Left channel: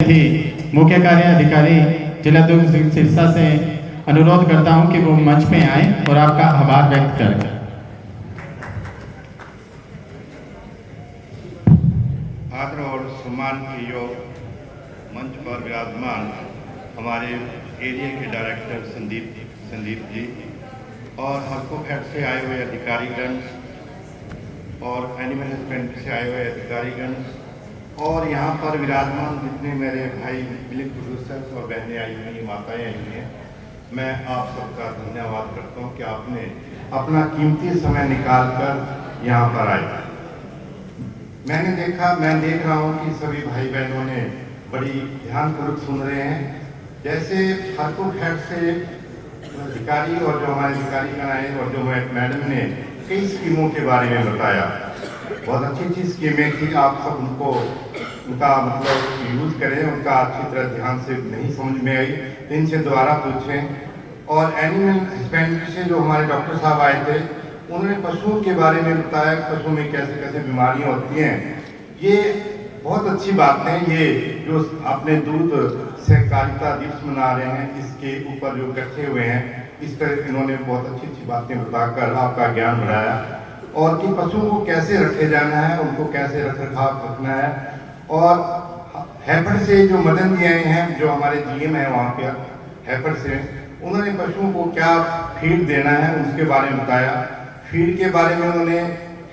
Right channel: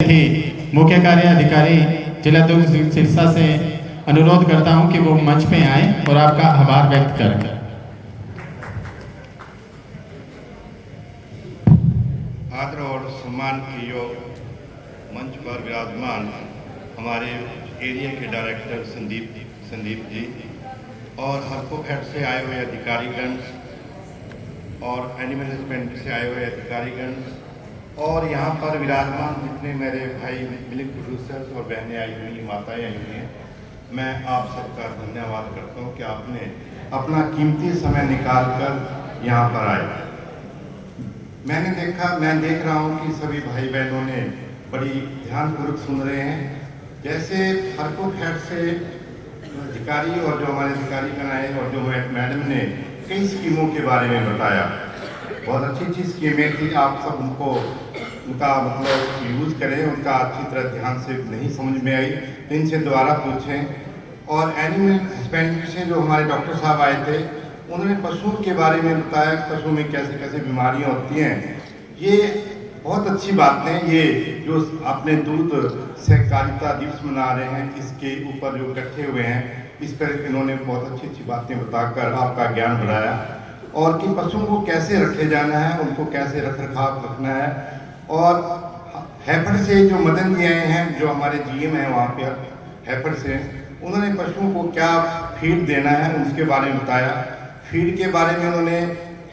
थी मुख्य कार्य अधिकारी जिला दुर्ग सिरसा से अनुरोध करता हूं कि वो मंच पे आए और आपका आभार व्यक्त करें। आदर और सम्मान की ओर मंच पर विराजमान हमारे एरिया के डायरेक्टर संदीप जी और हल्को हेड से आए हुए अधिकारीगण और एनिमल हस्बेंड्री से आए हुए अधिकारीगण और यहाँ पर विराजमान जितने मेरे भाई मिल्क प्रोड्यूसर्स और बहनें आई हुई, माताएं आई हुई हैं, मैं आप सबका धन्यवाद करता हूँ कि आपने अपना कीमती समय निकाल कर यहाँ पर आए। मैं देख रहा हूँ कि सभी भाई बहनों ने बड़ी ध्यानपूर्वक सुन रहे हैं। जैसे हल्को हेड से अधिकारी और जो हमारे अधिकारी आए और जो मैडम ने कई स्कीमों के बारे में बताया, बहुत अच्छी स्कीमें थी। आप सब उनका मतलब यूज करें, उनका अच्छी तरह ध्यान से नहीं समझ में आई तो इनसे दोबारा पूछें। और एनिमल हस्बेंड्री से जो हमारे डॉक्टर साहब आए थे, उन्होंने पशुओं के बारे में बताया कि पशुओं में कैसे कैसे बीमारियां होती हैं। ये बहुत अच्छी बात है। ये जो अपने दूध सहकारिता दिवस मना रहे हैं, इसके ऊपर जो इकट्ठे हुए हैं, इस पर इन्होंने बहुत अच्छी बातें बताकर आपका ज्ञान बढ़ाया और कि पशुओं को कैसे रखे जाना है, उनको कैसे रख रखाव रखना है। और हैफेड से जो मदन जी आए हैं, जो हमारे जीएम हैं वहाँ पे हैफेड से, उन्होंने पशुओं को क्या फीड देना है उसके बारे में बताया। फीड के बारे में उन्होंने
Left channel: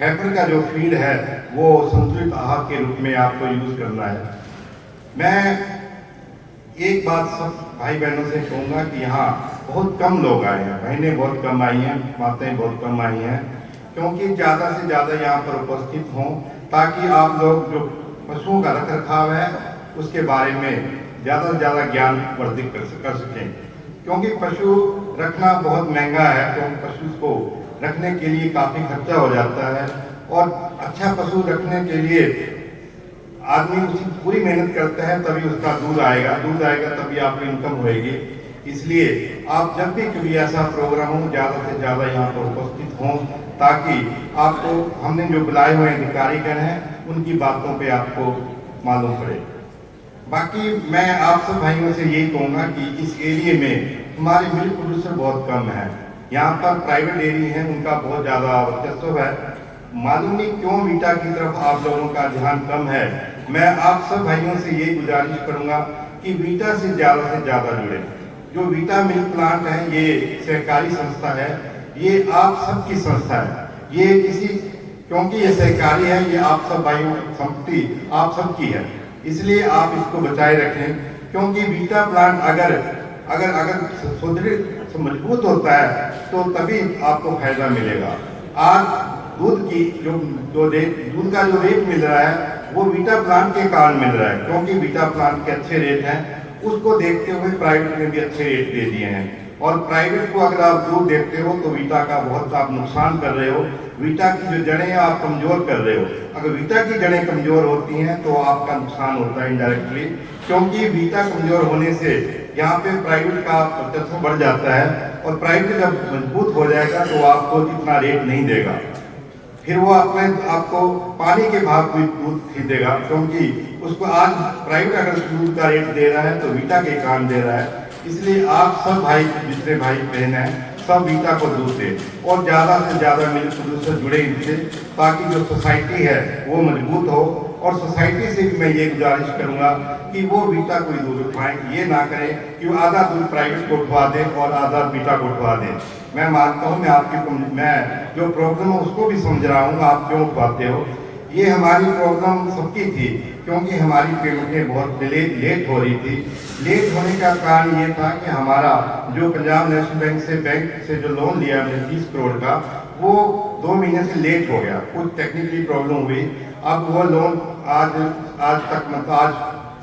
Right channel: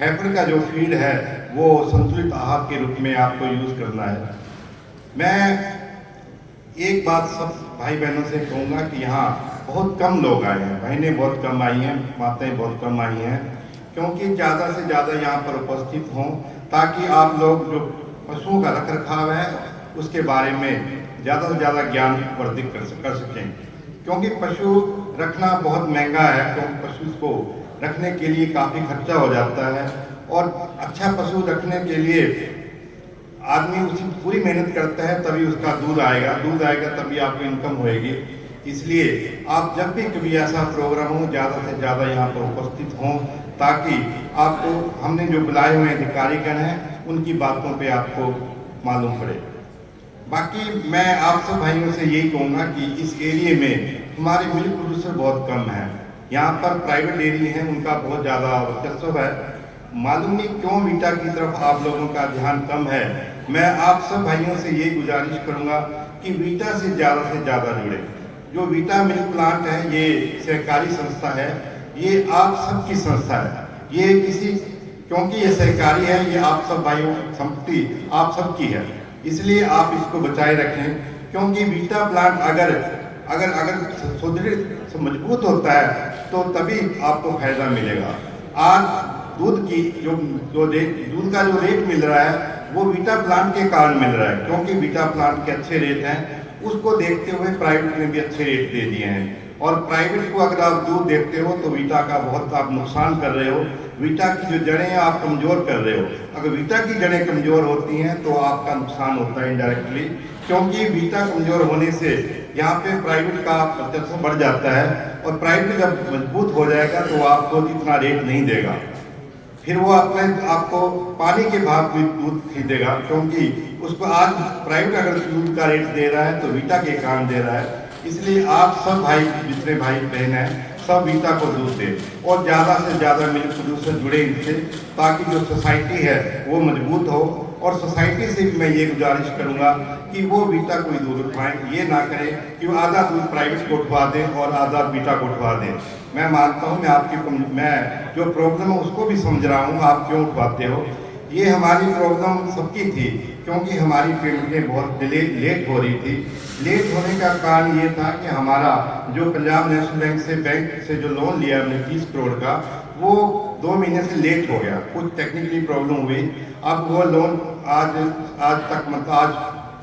हैफेड का जो फीड है वो संतुलित आहार के रूप में आपको यूज करना है। मैं एक बात सब भाई बहनों से कहूँगा कि यहाँ बहुत कम लोग आए हैं, बहनें बहुत कम आई हैं, माताएं बहुत कम आई हैं, क्योंकि ज़्यादा से ज़्यादा यहाँ पर उपस्थित हों ताकि आप लोग जो पशुओं का रख रखाव है उसके बारे में ज़्यादा से ज़्यादा ज्ञान वर्धित कर सकें। क्योंकि पशु रखना बहुत महंगा है, क्योंकि पशु को रखने के लिए काफ़ी खर्चा हो जाता है और अच्छा पशु रखने के लिए आदमी उसकी पूरी मेहनत करता है, तभी उसका दूध आएगा तभी आपकी इनकम होएगी। इसलिए आप जब भी कभी ऐसा प्रोग्राम हो, ज़्यादा से ज़्यादा यहाँ पर उपस्थित हों ताकि आपको हमने जो बुलाए हुए अधिकारीगण हैं उनकी बातों पे आपको मालूम पड़े। बाकी मैं आप सब भाइयों से यही कहूँगा कि इस एरिया में हमारे मिल्क प्रोड्यूसर बहुत कम है। यहाँ पर प्राइवेट डेयरी हैं, उनका बहुत ज़्यादा वर्चस्व है। मालूम नहीं क्यों वीटा की तरफ आप लोगों का ध्यान कम है। मैं आप सब भाइयों से यही गुजारिश करूँगा कि वीटा से ज़्यादा जुड़े। जो वीटा मिल्क प्लांट है, ये सहकारी संस्था है, ये आप सबकी संस्था है। ये क्योंकि ये सहकारी है, ये आप सब भाइयों की संपत्ति आप सबकी है, इसलिए आप इसको बचाए रखें। क्योंकि वीटा प्लांट अगर सुदृढ़ मजबूत होता है तो तभी आपको फायदा मिलेगा। आज दूध का जो रेट मिल रहा है वो वीटा प्लांट के कारण मिल रहा है, क्योंकि वीटा प्लांट के अच्छे रेट हैं। उसको देखते हुए प्राइवेट में भी अच्छे रेट दे दिए हैं। और प्राइवेट को अगर आप दूध देते हो तो वीटा का बहुत आप नुकसान कर रहे हो। वीटा की जो जड़ें आप कमजोर कर रहे हो। अगर वीटा की जड़ें कमजोर होती हैं तो आपका नुकसान होता है इनडायरेक्टली, क्योंकि वीटा कमजोर होने से यहाँ पे प्राइवेट का वर्चस्व बढ़ जाता है और प्राइवेट जब मजबूत हो जाएगा तो आपको इतना रेट नहीं देगा। फिर वो आपको पानी के भाव में दूध खरीदेगा, क्योंकि उसको आज प्राइवेट अगर दूध का रेट दे रहा है तो वीटा के काम दे रहा है। इसलिए आप सब भाई, जितने भाई बहन हैं, सब वीटा को दूध दें और ज़्यादा से ज़्यादा मिल्क प्रोड्यूसर जुड़े इनसे, ताकि जो सोसाइटी है वो मजबूत हो। और सोसाइटी से भी मैं ये गुजारिश करूँगा कि वो वीटा को ही दूध उठाएं, ये ना करें कि वो आधा दूध प्राइवेट को उठवा दें और आधा वीटा को उठवा दें। मैं मानता हूँ, मैं जो प्रॉब्लम है उसको भी समझ रहा हूँ, आप क्यों उठवाते हो। ये हमारी प्रॉब्लम सबकी थी, क्योंकि हमारी पेमेंटें बहुत लेट हो रही थी। लेट होने का कारण ये था कि हमारा जो पंजाब नेशनल बैंक से जो लोन लिया हमने 30 करोड़ का, वो 2 महीने से लेट हो गया। कुछ टेक्निकली प्रॉब्लम हुई। अब वो लोन आज तक मतलब आज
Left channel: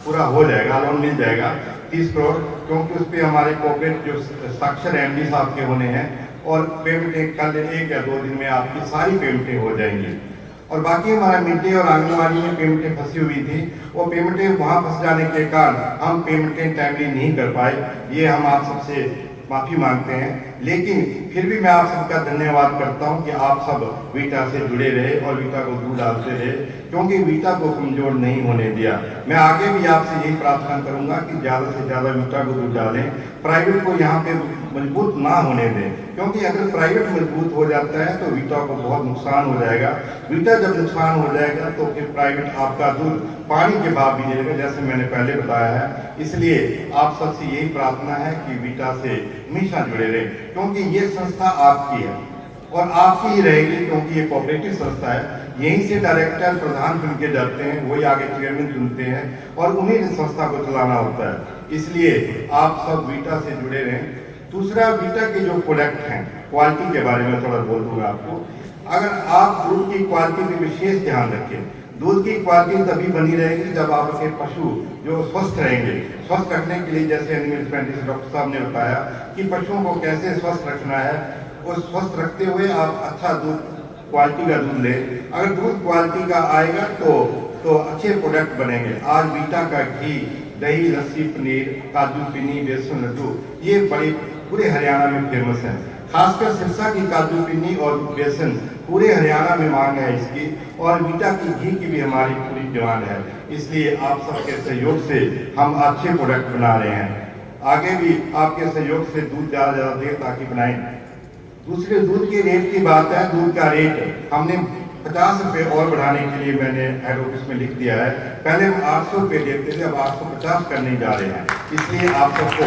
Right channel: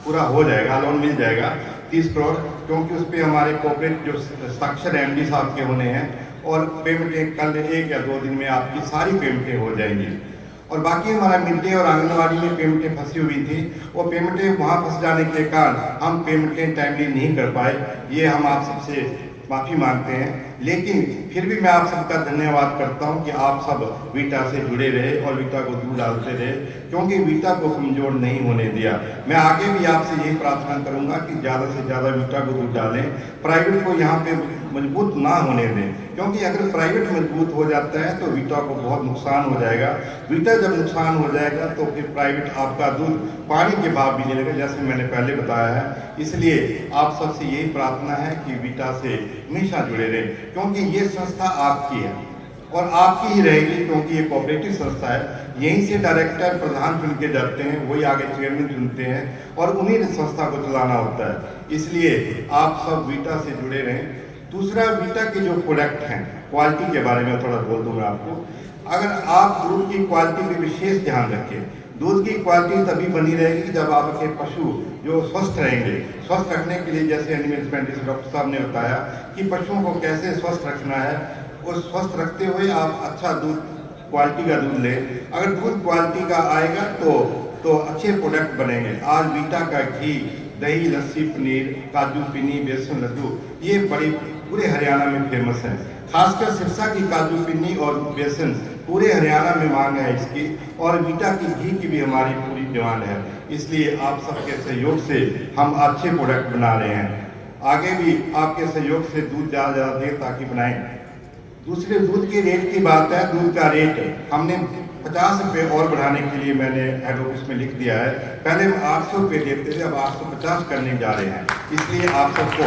पूरा हो जाएगा, लोन मिल जाएगा 30 करोड़, क्योंकि उस पर हमारे कॉर्पोरेट जो साक्षर एमडी साहब के होने हैं और पेमेंटें कल 1 या 2 दिन में आपकी सारी पेमेंटें हो जाएंगी। और बाकी हमारा मिड डे और आंगनबाड़ी में पेमेंटें फंसी हुई थी, वो पेमेंटें वहाँ फंस जाने के कारण हम पेमेंटें टाइमली नहीं कर पाए। ये हम आप सबसे माफ़ी मांगते हैं, लेकिन फिर भी मैं आप सबका धन्यवाद करता हूं कि आप सब वीटा से जुड़े रहे और वीटा को दूर डालते रहे, क्योंकि वीटा को कमज़ोर नहीं होने दिया। मैं आगे भी आपसे यही प्रार्थना करूंगा कि ज़्यादा से ज़्यादा वीटा को दूर डालें, प्राइवेट को यहाँ पे मजबूत ना होने दें, क्योंकि अगर प्राइवेट मजबूत हो जाता है तो वीटा को बहुत नुकसान हो जाएगा। वीटा जब नुकसान हो जाएगा तो फिर प्राइवेट आपका दूध पानी के भाव भी देगा, जैसे मैंने पहले बताया है। इसलिए आप सबसे यही प्रार्थना है कि वीटा से हमेशा जुड़े रहें, क्योंकि ये संस्था आपकी है और आपकी ही रहेगी, क्योंकि ये कोऑपरेटिव संस्था है। यहीं से डायरेक्टर प्रधान चुन के जाते हैं, वही आगे चेयरमैन चुनते हैं और उन्हीं ने संस्था को चलाना होता है। इसलिए आप सब वीटा से जुड़े रहें। दूसरा, वीटा के जो प्रोडक्ट हैं, क्वालिटी के बारे में थोड़ा बोल दूंगा आपको। अगर आप दूध की क्वालिटी पे विशेष ध्यान रखें, दूध की क्वालिटी तभी बनी रहेगी जब आपके पशु जो स्वस्थ रहेंगे। स्वस्थ रखने के लिए जैसे एनिमल हस्बेंड्री डॉक्टर साहब ने बताया कि पशुओं को कैसे स्वस्थ रखना है, और स्वस्थ रखते हुए आप अच्छा दूध, क्वालिटी का दूध लें। अगर दूध क्वालिटी का आएगा तो अच्छे प्रोडक्ट बनेंगे। आज वीटा का घी, दही, लस्सी, पनीर, काजू पीनी, बेसन लड्डू, ये बड़ी पूरे हरियाणा में फेमस है। खासकर सिरसा की काजू पीनी और बेसन पूरे हरियाणा में मांग है इसकी, और वीटा की घी की भी हमारी पूरी डिमांड है। इसलिए आप सबके सहयोग से हम अच्छे प्रोडक्ट बना रहे हैं। आगे भी आपके सहयोग से दूध ज़्यादा देर ताकि बनाएं। दूसरे, दूध के रेट की बात है। दूध का रेट हमने 50 रुपये और बढ़ाने के लिए मैंने हेड ऑफिस में लिख दिया है। पहले हम 800 रुपये देते थे, अब 850 करने जा रहे हैं। इसलिए आप सबको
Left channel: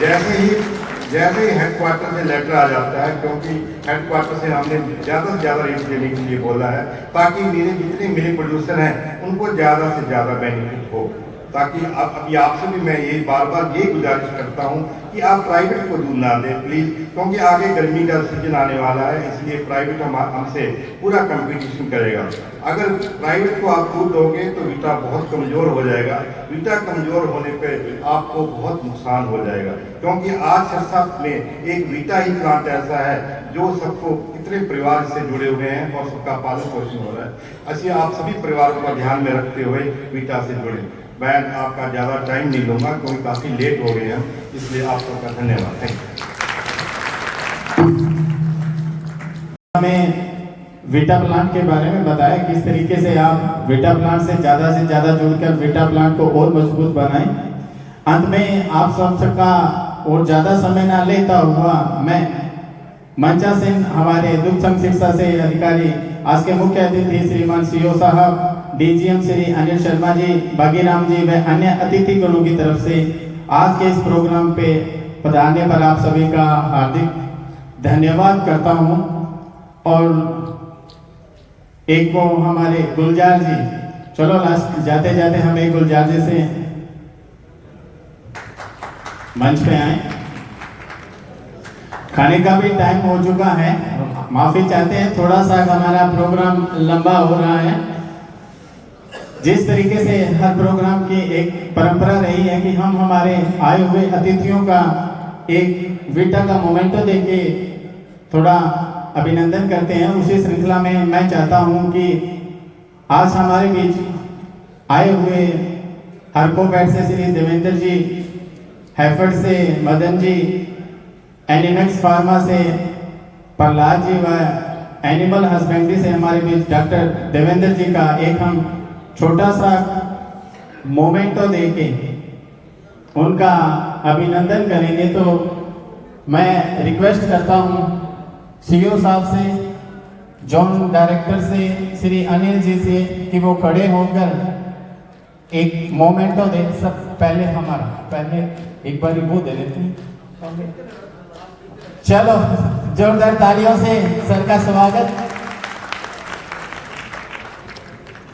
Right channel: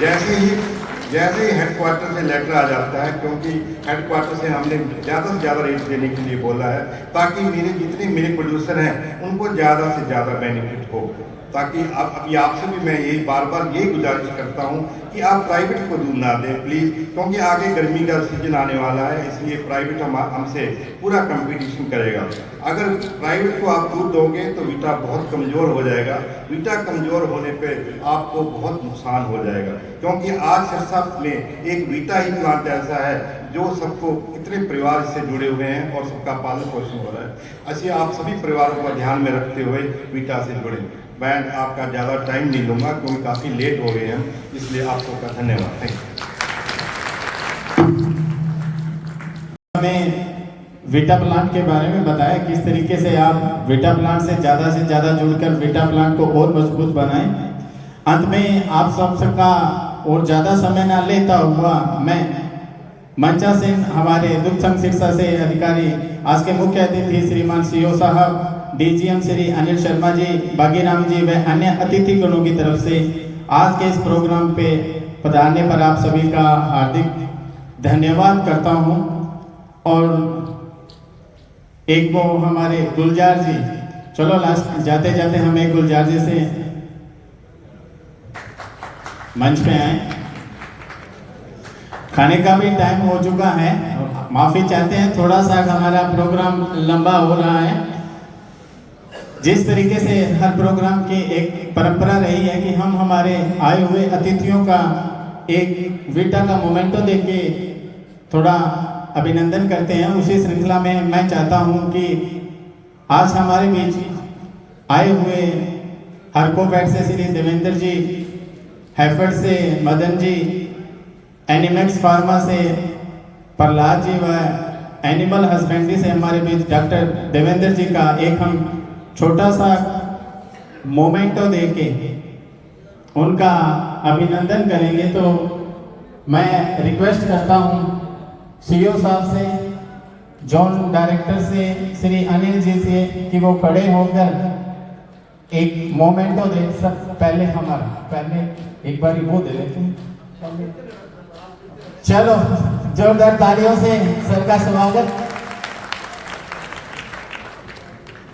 जैसे ही हेडक्वार्टर से लेटर आ जाता है, क्योंकि हेडक्वार्टर से हमने ज़्यादा से ज़्यादा रेट देने के लिए बोला है, ताकि जितने मेरे प्रोड्यूसर हैं उनको ज़्यादा से ज़्यादा बेनिफिट हो। ताकि अभी आपसे भी मैं यही बार बार ये गुजारिश करता हूँ कि आप प्राइवेट को दूध ना दें प्लीज़, क्योंकि आगे गर्मी का सीजन आने वाला है। इसलिए प्राइवेट हमसे पूरा कंपटीशन करेगा। अगर प्राइवेट को आप दूध दोगे तो वीटा बहुत कमज़ोर हो जाएगा। वीटा कमज़ोर होने पे आपको बहुत नुकसान हो जाएगा, क्योंकि आज सिरसा में एक वीटा ही प्लांट ऐसा है जो सबको, कितने परिवार इससे जुड़े हुए हैं और सबका पालन पोषण हो रहा है। ऐसे आप सभी परिवारों का ध्यान में रखते हुए वीटा से जुड़े। मैं आपका ज़्यादा टाइम नहीं लूँगा क्योंकि काफ़ी लेट हो गए हैं, इसलिए आप सबका धन्यवाद। Thank you. हमें वीटा प्लांट के बारे में बताया किस तरीके से आप वीटा प्लांट से ज़्यादा जुड़कर वीटा प्लांट को और मजबूत बनाएं। अंत में आप सबका और ज़्यादा समय न लेता हुआ मैं मंचा सिंह, हमारे दुग्ध संघ सिरसा से अधिकारी, आज के मुख्य अतिथि श्रीमान सीओ साहब, डीजीएम श्री अनिल शर्मा जी, बागीराम जी व अन्य अतिथि गणों की तरफ से आज के इस प्रोग्राम पे पधारने पर आप सभी का हार्दिक धन्यवाद करता हूं। और एक को हमारे गुलजार जी, चलो लास्ट जाते जाते हम एक गुलजार जी से मंच पे आए। खाने का भी टाइम हो चुका है, माफी चाहते हैं, थोड़ा सा हमारा प्रोग्राम लंबा हो रहा है। जिस तरीके से हर प्रोग्राम की एक परंपरा रही है कि हम हमारे आए हुए अतिथियों का एक वीटा का मोमेंटो देके थोड़ा अभिनंदन करते हैं, उसी श्रृंखला में मैं चाहता हूं कि आज हमारे बीच आए हुए हरकोफेड से श्री देवेंद्र जी, हैफेड से मदन जी, एनिमेक्स फार्मा से प्रहलाद जी व एनिमल हस्बेंड्री से हमारे बीच डॉक्टर देवेंद्र जी का एक हम छोटा सा मोमेंटो देके उनका अभिनंदन करेंगे। तो मैं रिक्वेस्ट करता हूं सीईओ साहब से, जोन डायरेक्टर से श्री अनिल जी से कि वो खड़े होकर एक मोमेंटो दे। सर पहले एक बार वो दे लेते। चलो जोरदार तालियों से सर का स्वागत।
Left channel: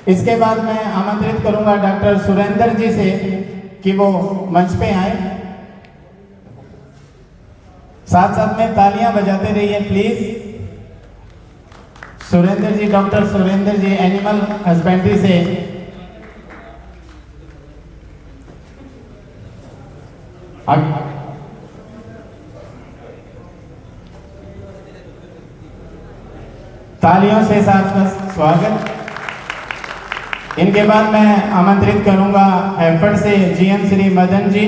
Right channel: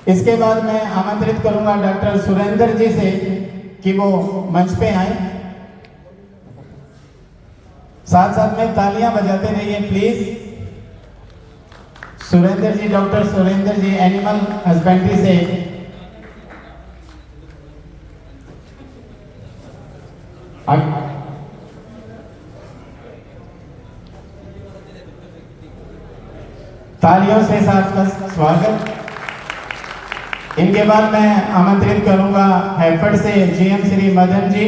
इसके बाद मैं आमंत्रित करूंगा डॉक्टर सुरेंद्र जी से कि वो मंच पे आए। साथ साथ में तालियां बजाते रहिए please. Surendra ji, doctor Surendra ji animal husbandry से तालियों से साथ में स्वागत। इनके बाद मैं आमंत्रित करूंगा हैफेड से जीएम श्री मदन जी,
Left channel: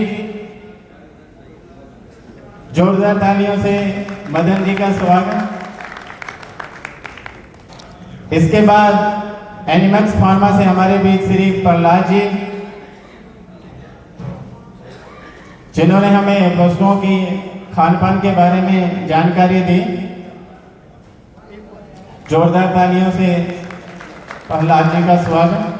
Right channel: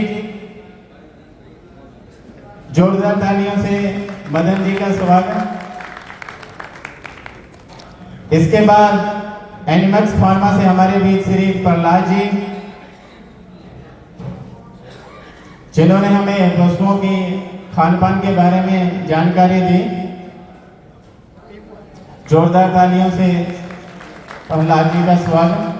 जोरदार तालियों से मदन जी का स्वागत। इसके बाद एनिमल्स फार्मा से हमारे बीच श्री प्रहलाद जी, जिन्होंने हमें पशुओं की खान पान के बारे में जानकारी दी। जोरदार तालियों से प्रहलाद जी का स्वागत।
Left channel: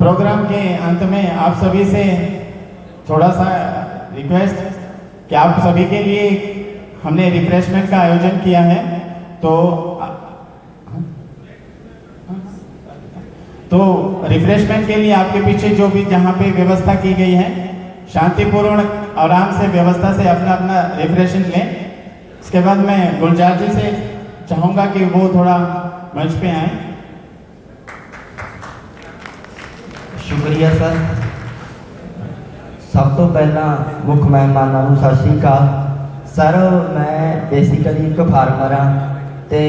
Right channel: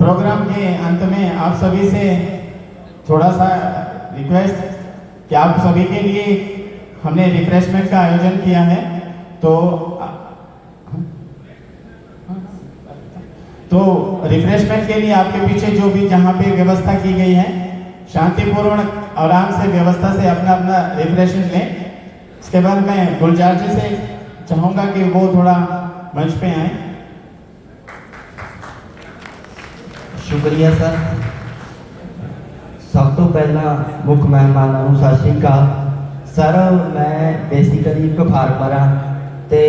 प्रोग्राम के अंत में आप सभी से थोड़ा सा रिक्वेस्ट कि आप सभी के लिए हमने रिफ्रेशमेंट का आयोजन किया है, तो रिफ्रेशमेंट के लिए आपके पीछे जो भी जहाँ पे व्यवस्था की गई है, शांतिपूर्ण आराम से व्यवस्था से अपना अपना रिफ्रेशमेंट लें। इसके बाद मैं गुलजार जी से चाहूँगा कि वो थोड़ा मंच पे आए। शुक्रिया सर। सब तो पहला मुख्य मेहमानों को सत श्री अकाल सर। मैं बेसिकली एक फार्मर हाँ तो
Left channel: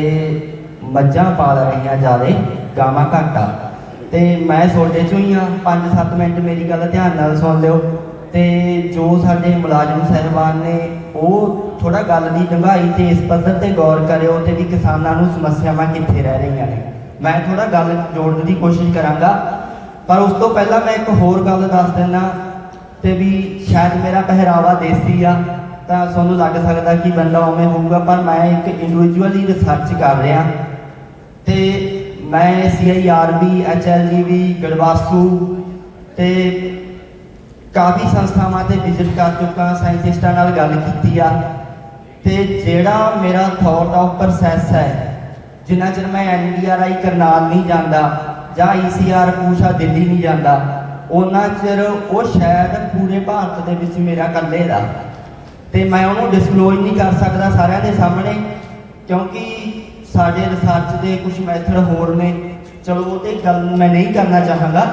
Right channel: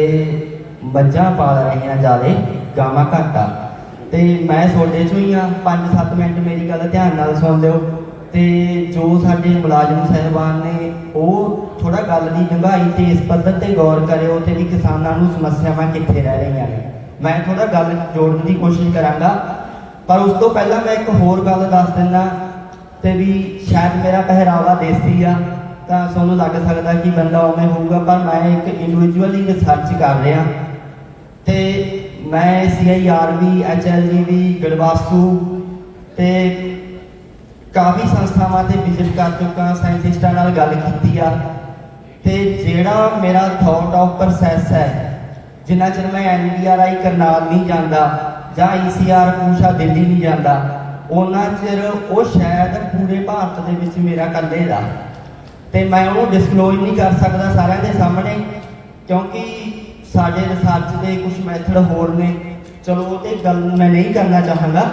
मझां पाल रही हाँ, ज़्यादा गावां घाटा, तो मैं सोडे चो ही हाँ। 5-7 मिनट मेरी गल ध्यान नाल सुन लिओ। तो जो साडे मुलाजम साहिबान ने वो थोड़ा गल की डंगाई तो इस पद्धर से गौर करियो कि भी किसानों को समस्यावां कित्थे रह रही हैं। मैं थोड़ा गल जोड़ने की कोशिश करांगा, पर उस तो पहला मैं एक होर गल दस दिना। तो भी शायद मेरा पहरावा देसी आ तो सूँ लग सकता कि बंदा उवें होऊगा, पर मैं एक इंडिविजुअली रिसर्च कर रहा। तो मैं CIRB HLVV गड़वासू तो काफ़ी संस्थावां ते विजिट कर चुका, साइंटिस्टां नाल गल कीती आ। ते जेड़ा मेरा थॉट ऑफ प्रोसैस है, जिन्ना चਿਰ मैं NDRI करनाल नहीं जाता ਜਾਂ ECR पूछा दिल्ली नहीं जाता, उन्ना चिर वो शायद पूरे भारत के विच मेरा कल्ले दा। ते मैं उन्होंने डिस्कलोज नहीं कर सकता सारिਆਂ ਦੇ सामने, क्योंकि साडे रिसर्च के कुछ मैथड होर ने। चलो वो तो गल मैं नहीं करना चाहांगा,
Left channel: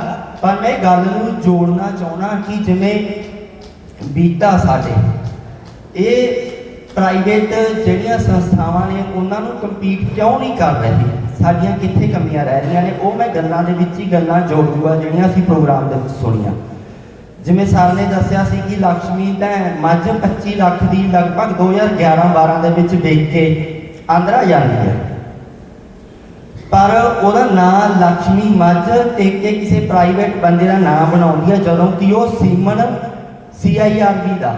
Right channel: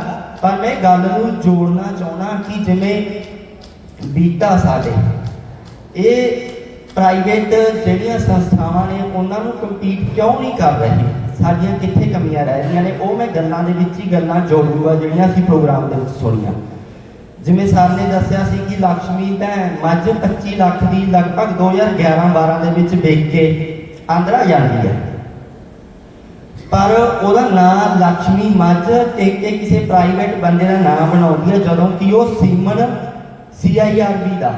पर मैं गल नूं जोड़ना चाहना कि जिवें बीटा साडे ये प्राइवेट जिहड़ियां संस्थावां ने उन्हां नूं कंपीट क्यों नहीं कर रही, साडियां कित्थे कमियां रह रही ने, वो मैं गल्लां दे विच ही गल्लां जोड़ूंगा जिहड़ियां असीं प्रोग्राम दे विच सुणीआं। जिवें सर ने दस्सिया सी कि लक्ष्मी भैन मझ 25 लाख की लगभग 2011-12 दे विच वेच के आंध्रा जाती है, पर ਉਹਦਾ नाम लक्ष्मी मझ टेक के किसी प्राइवेट बंदे का नाम बनाती है, जदों कि वो सीमन CIRB का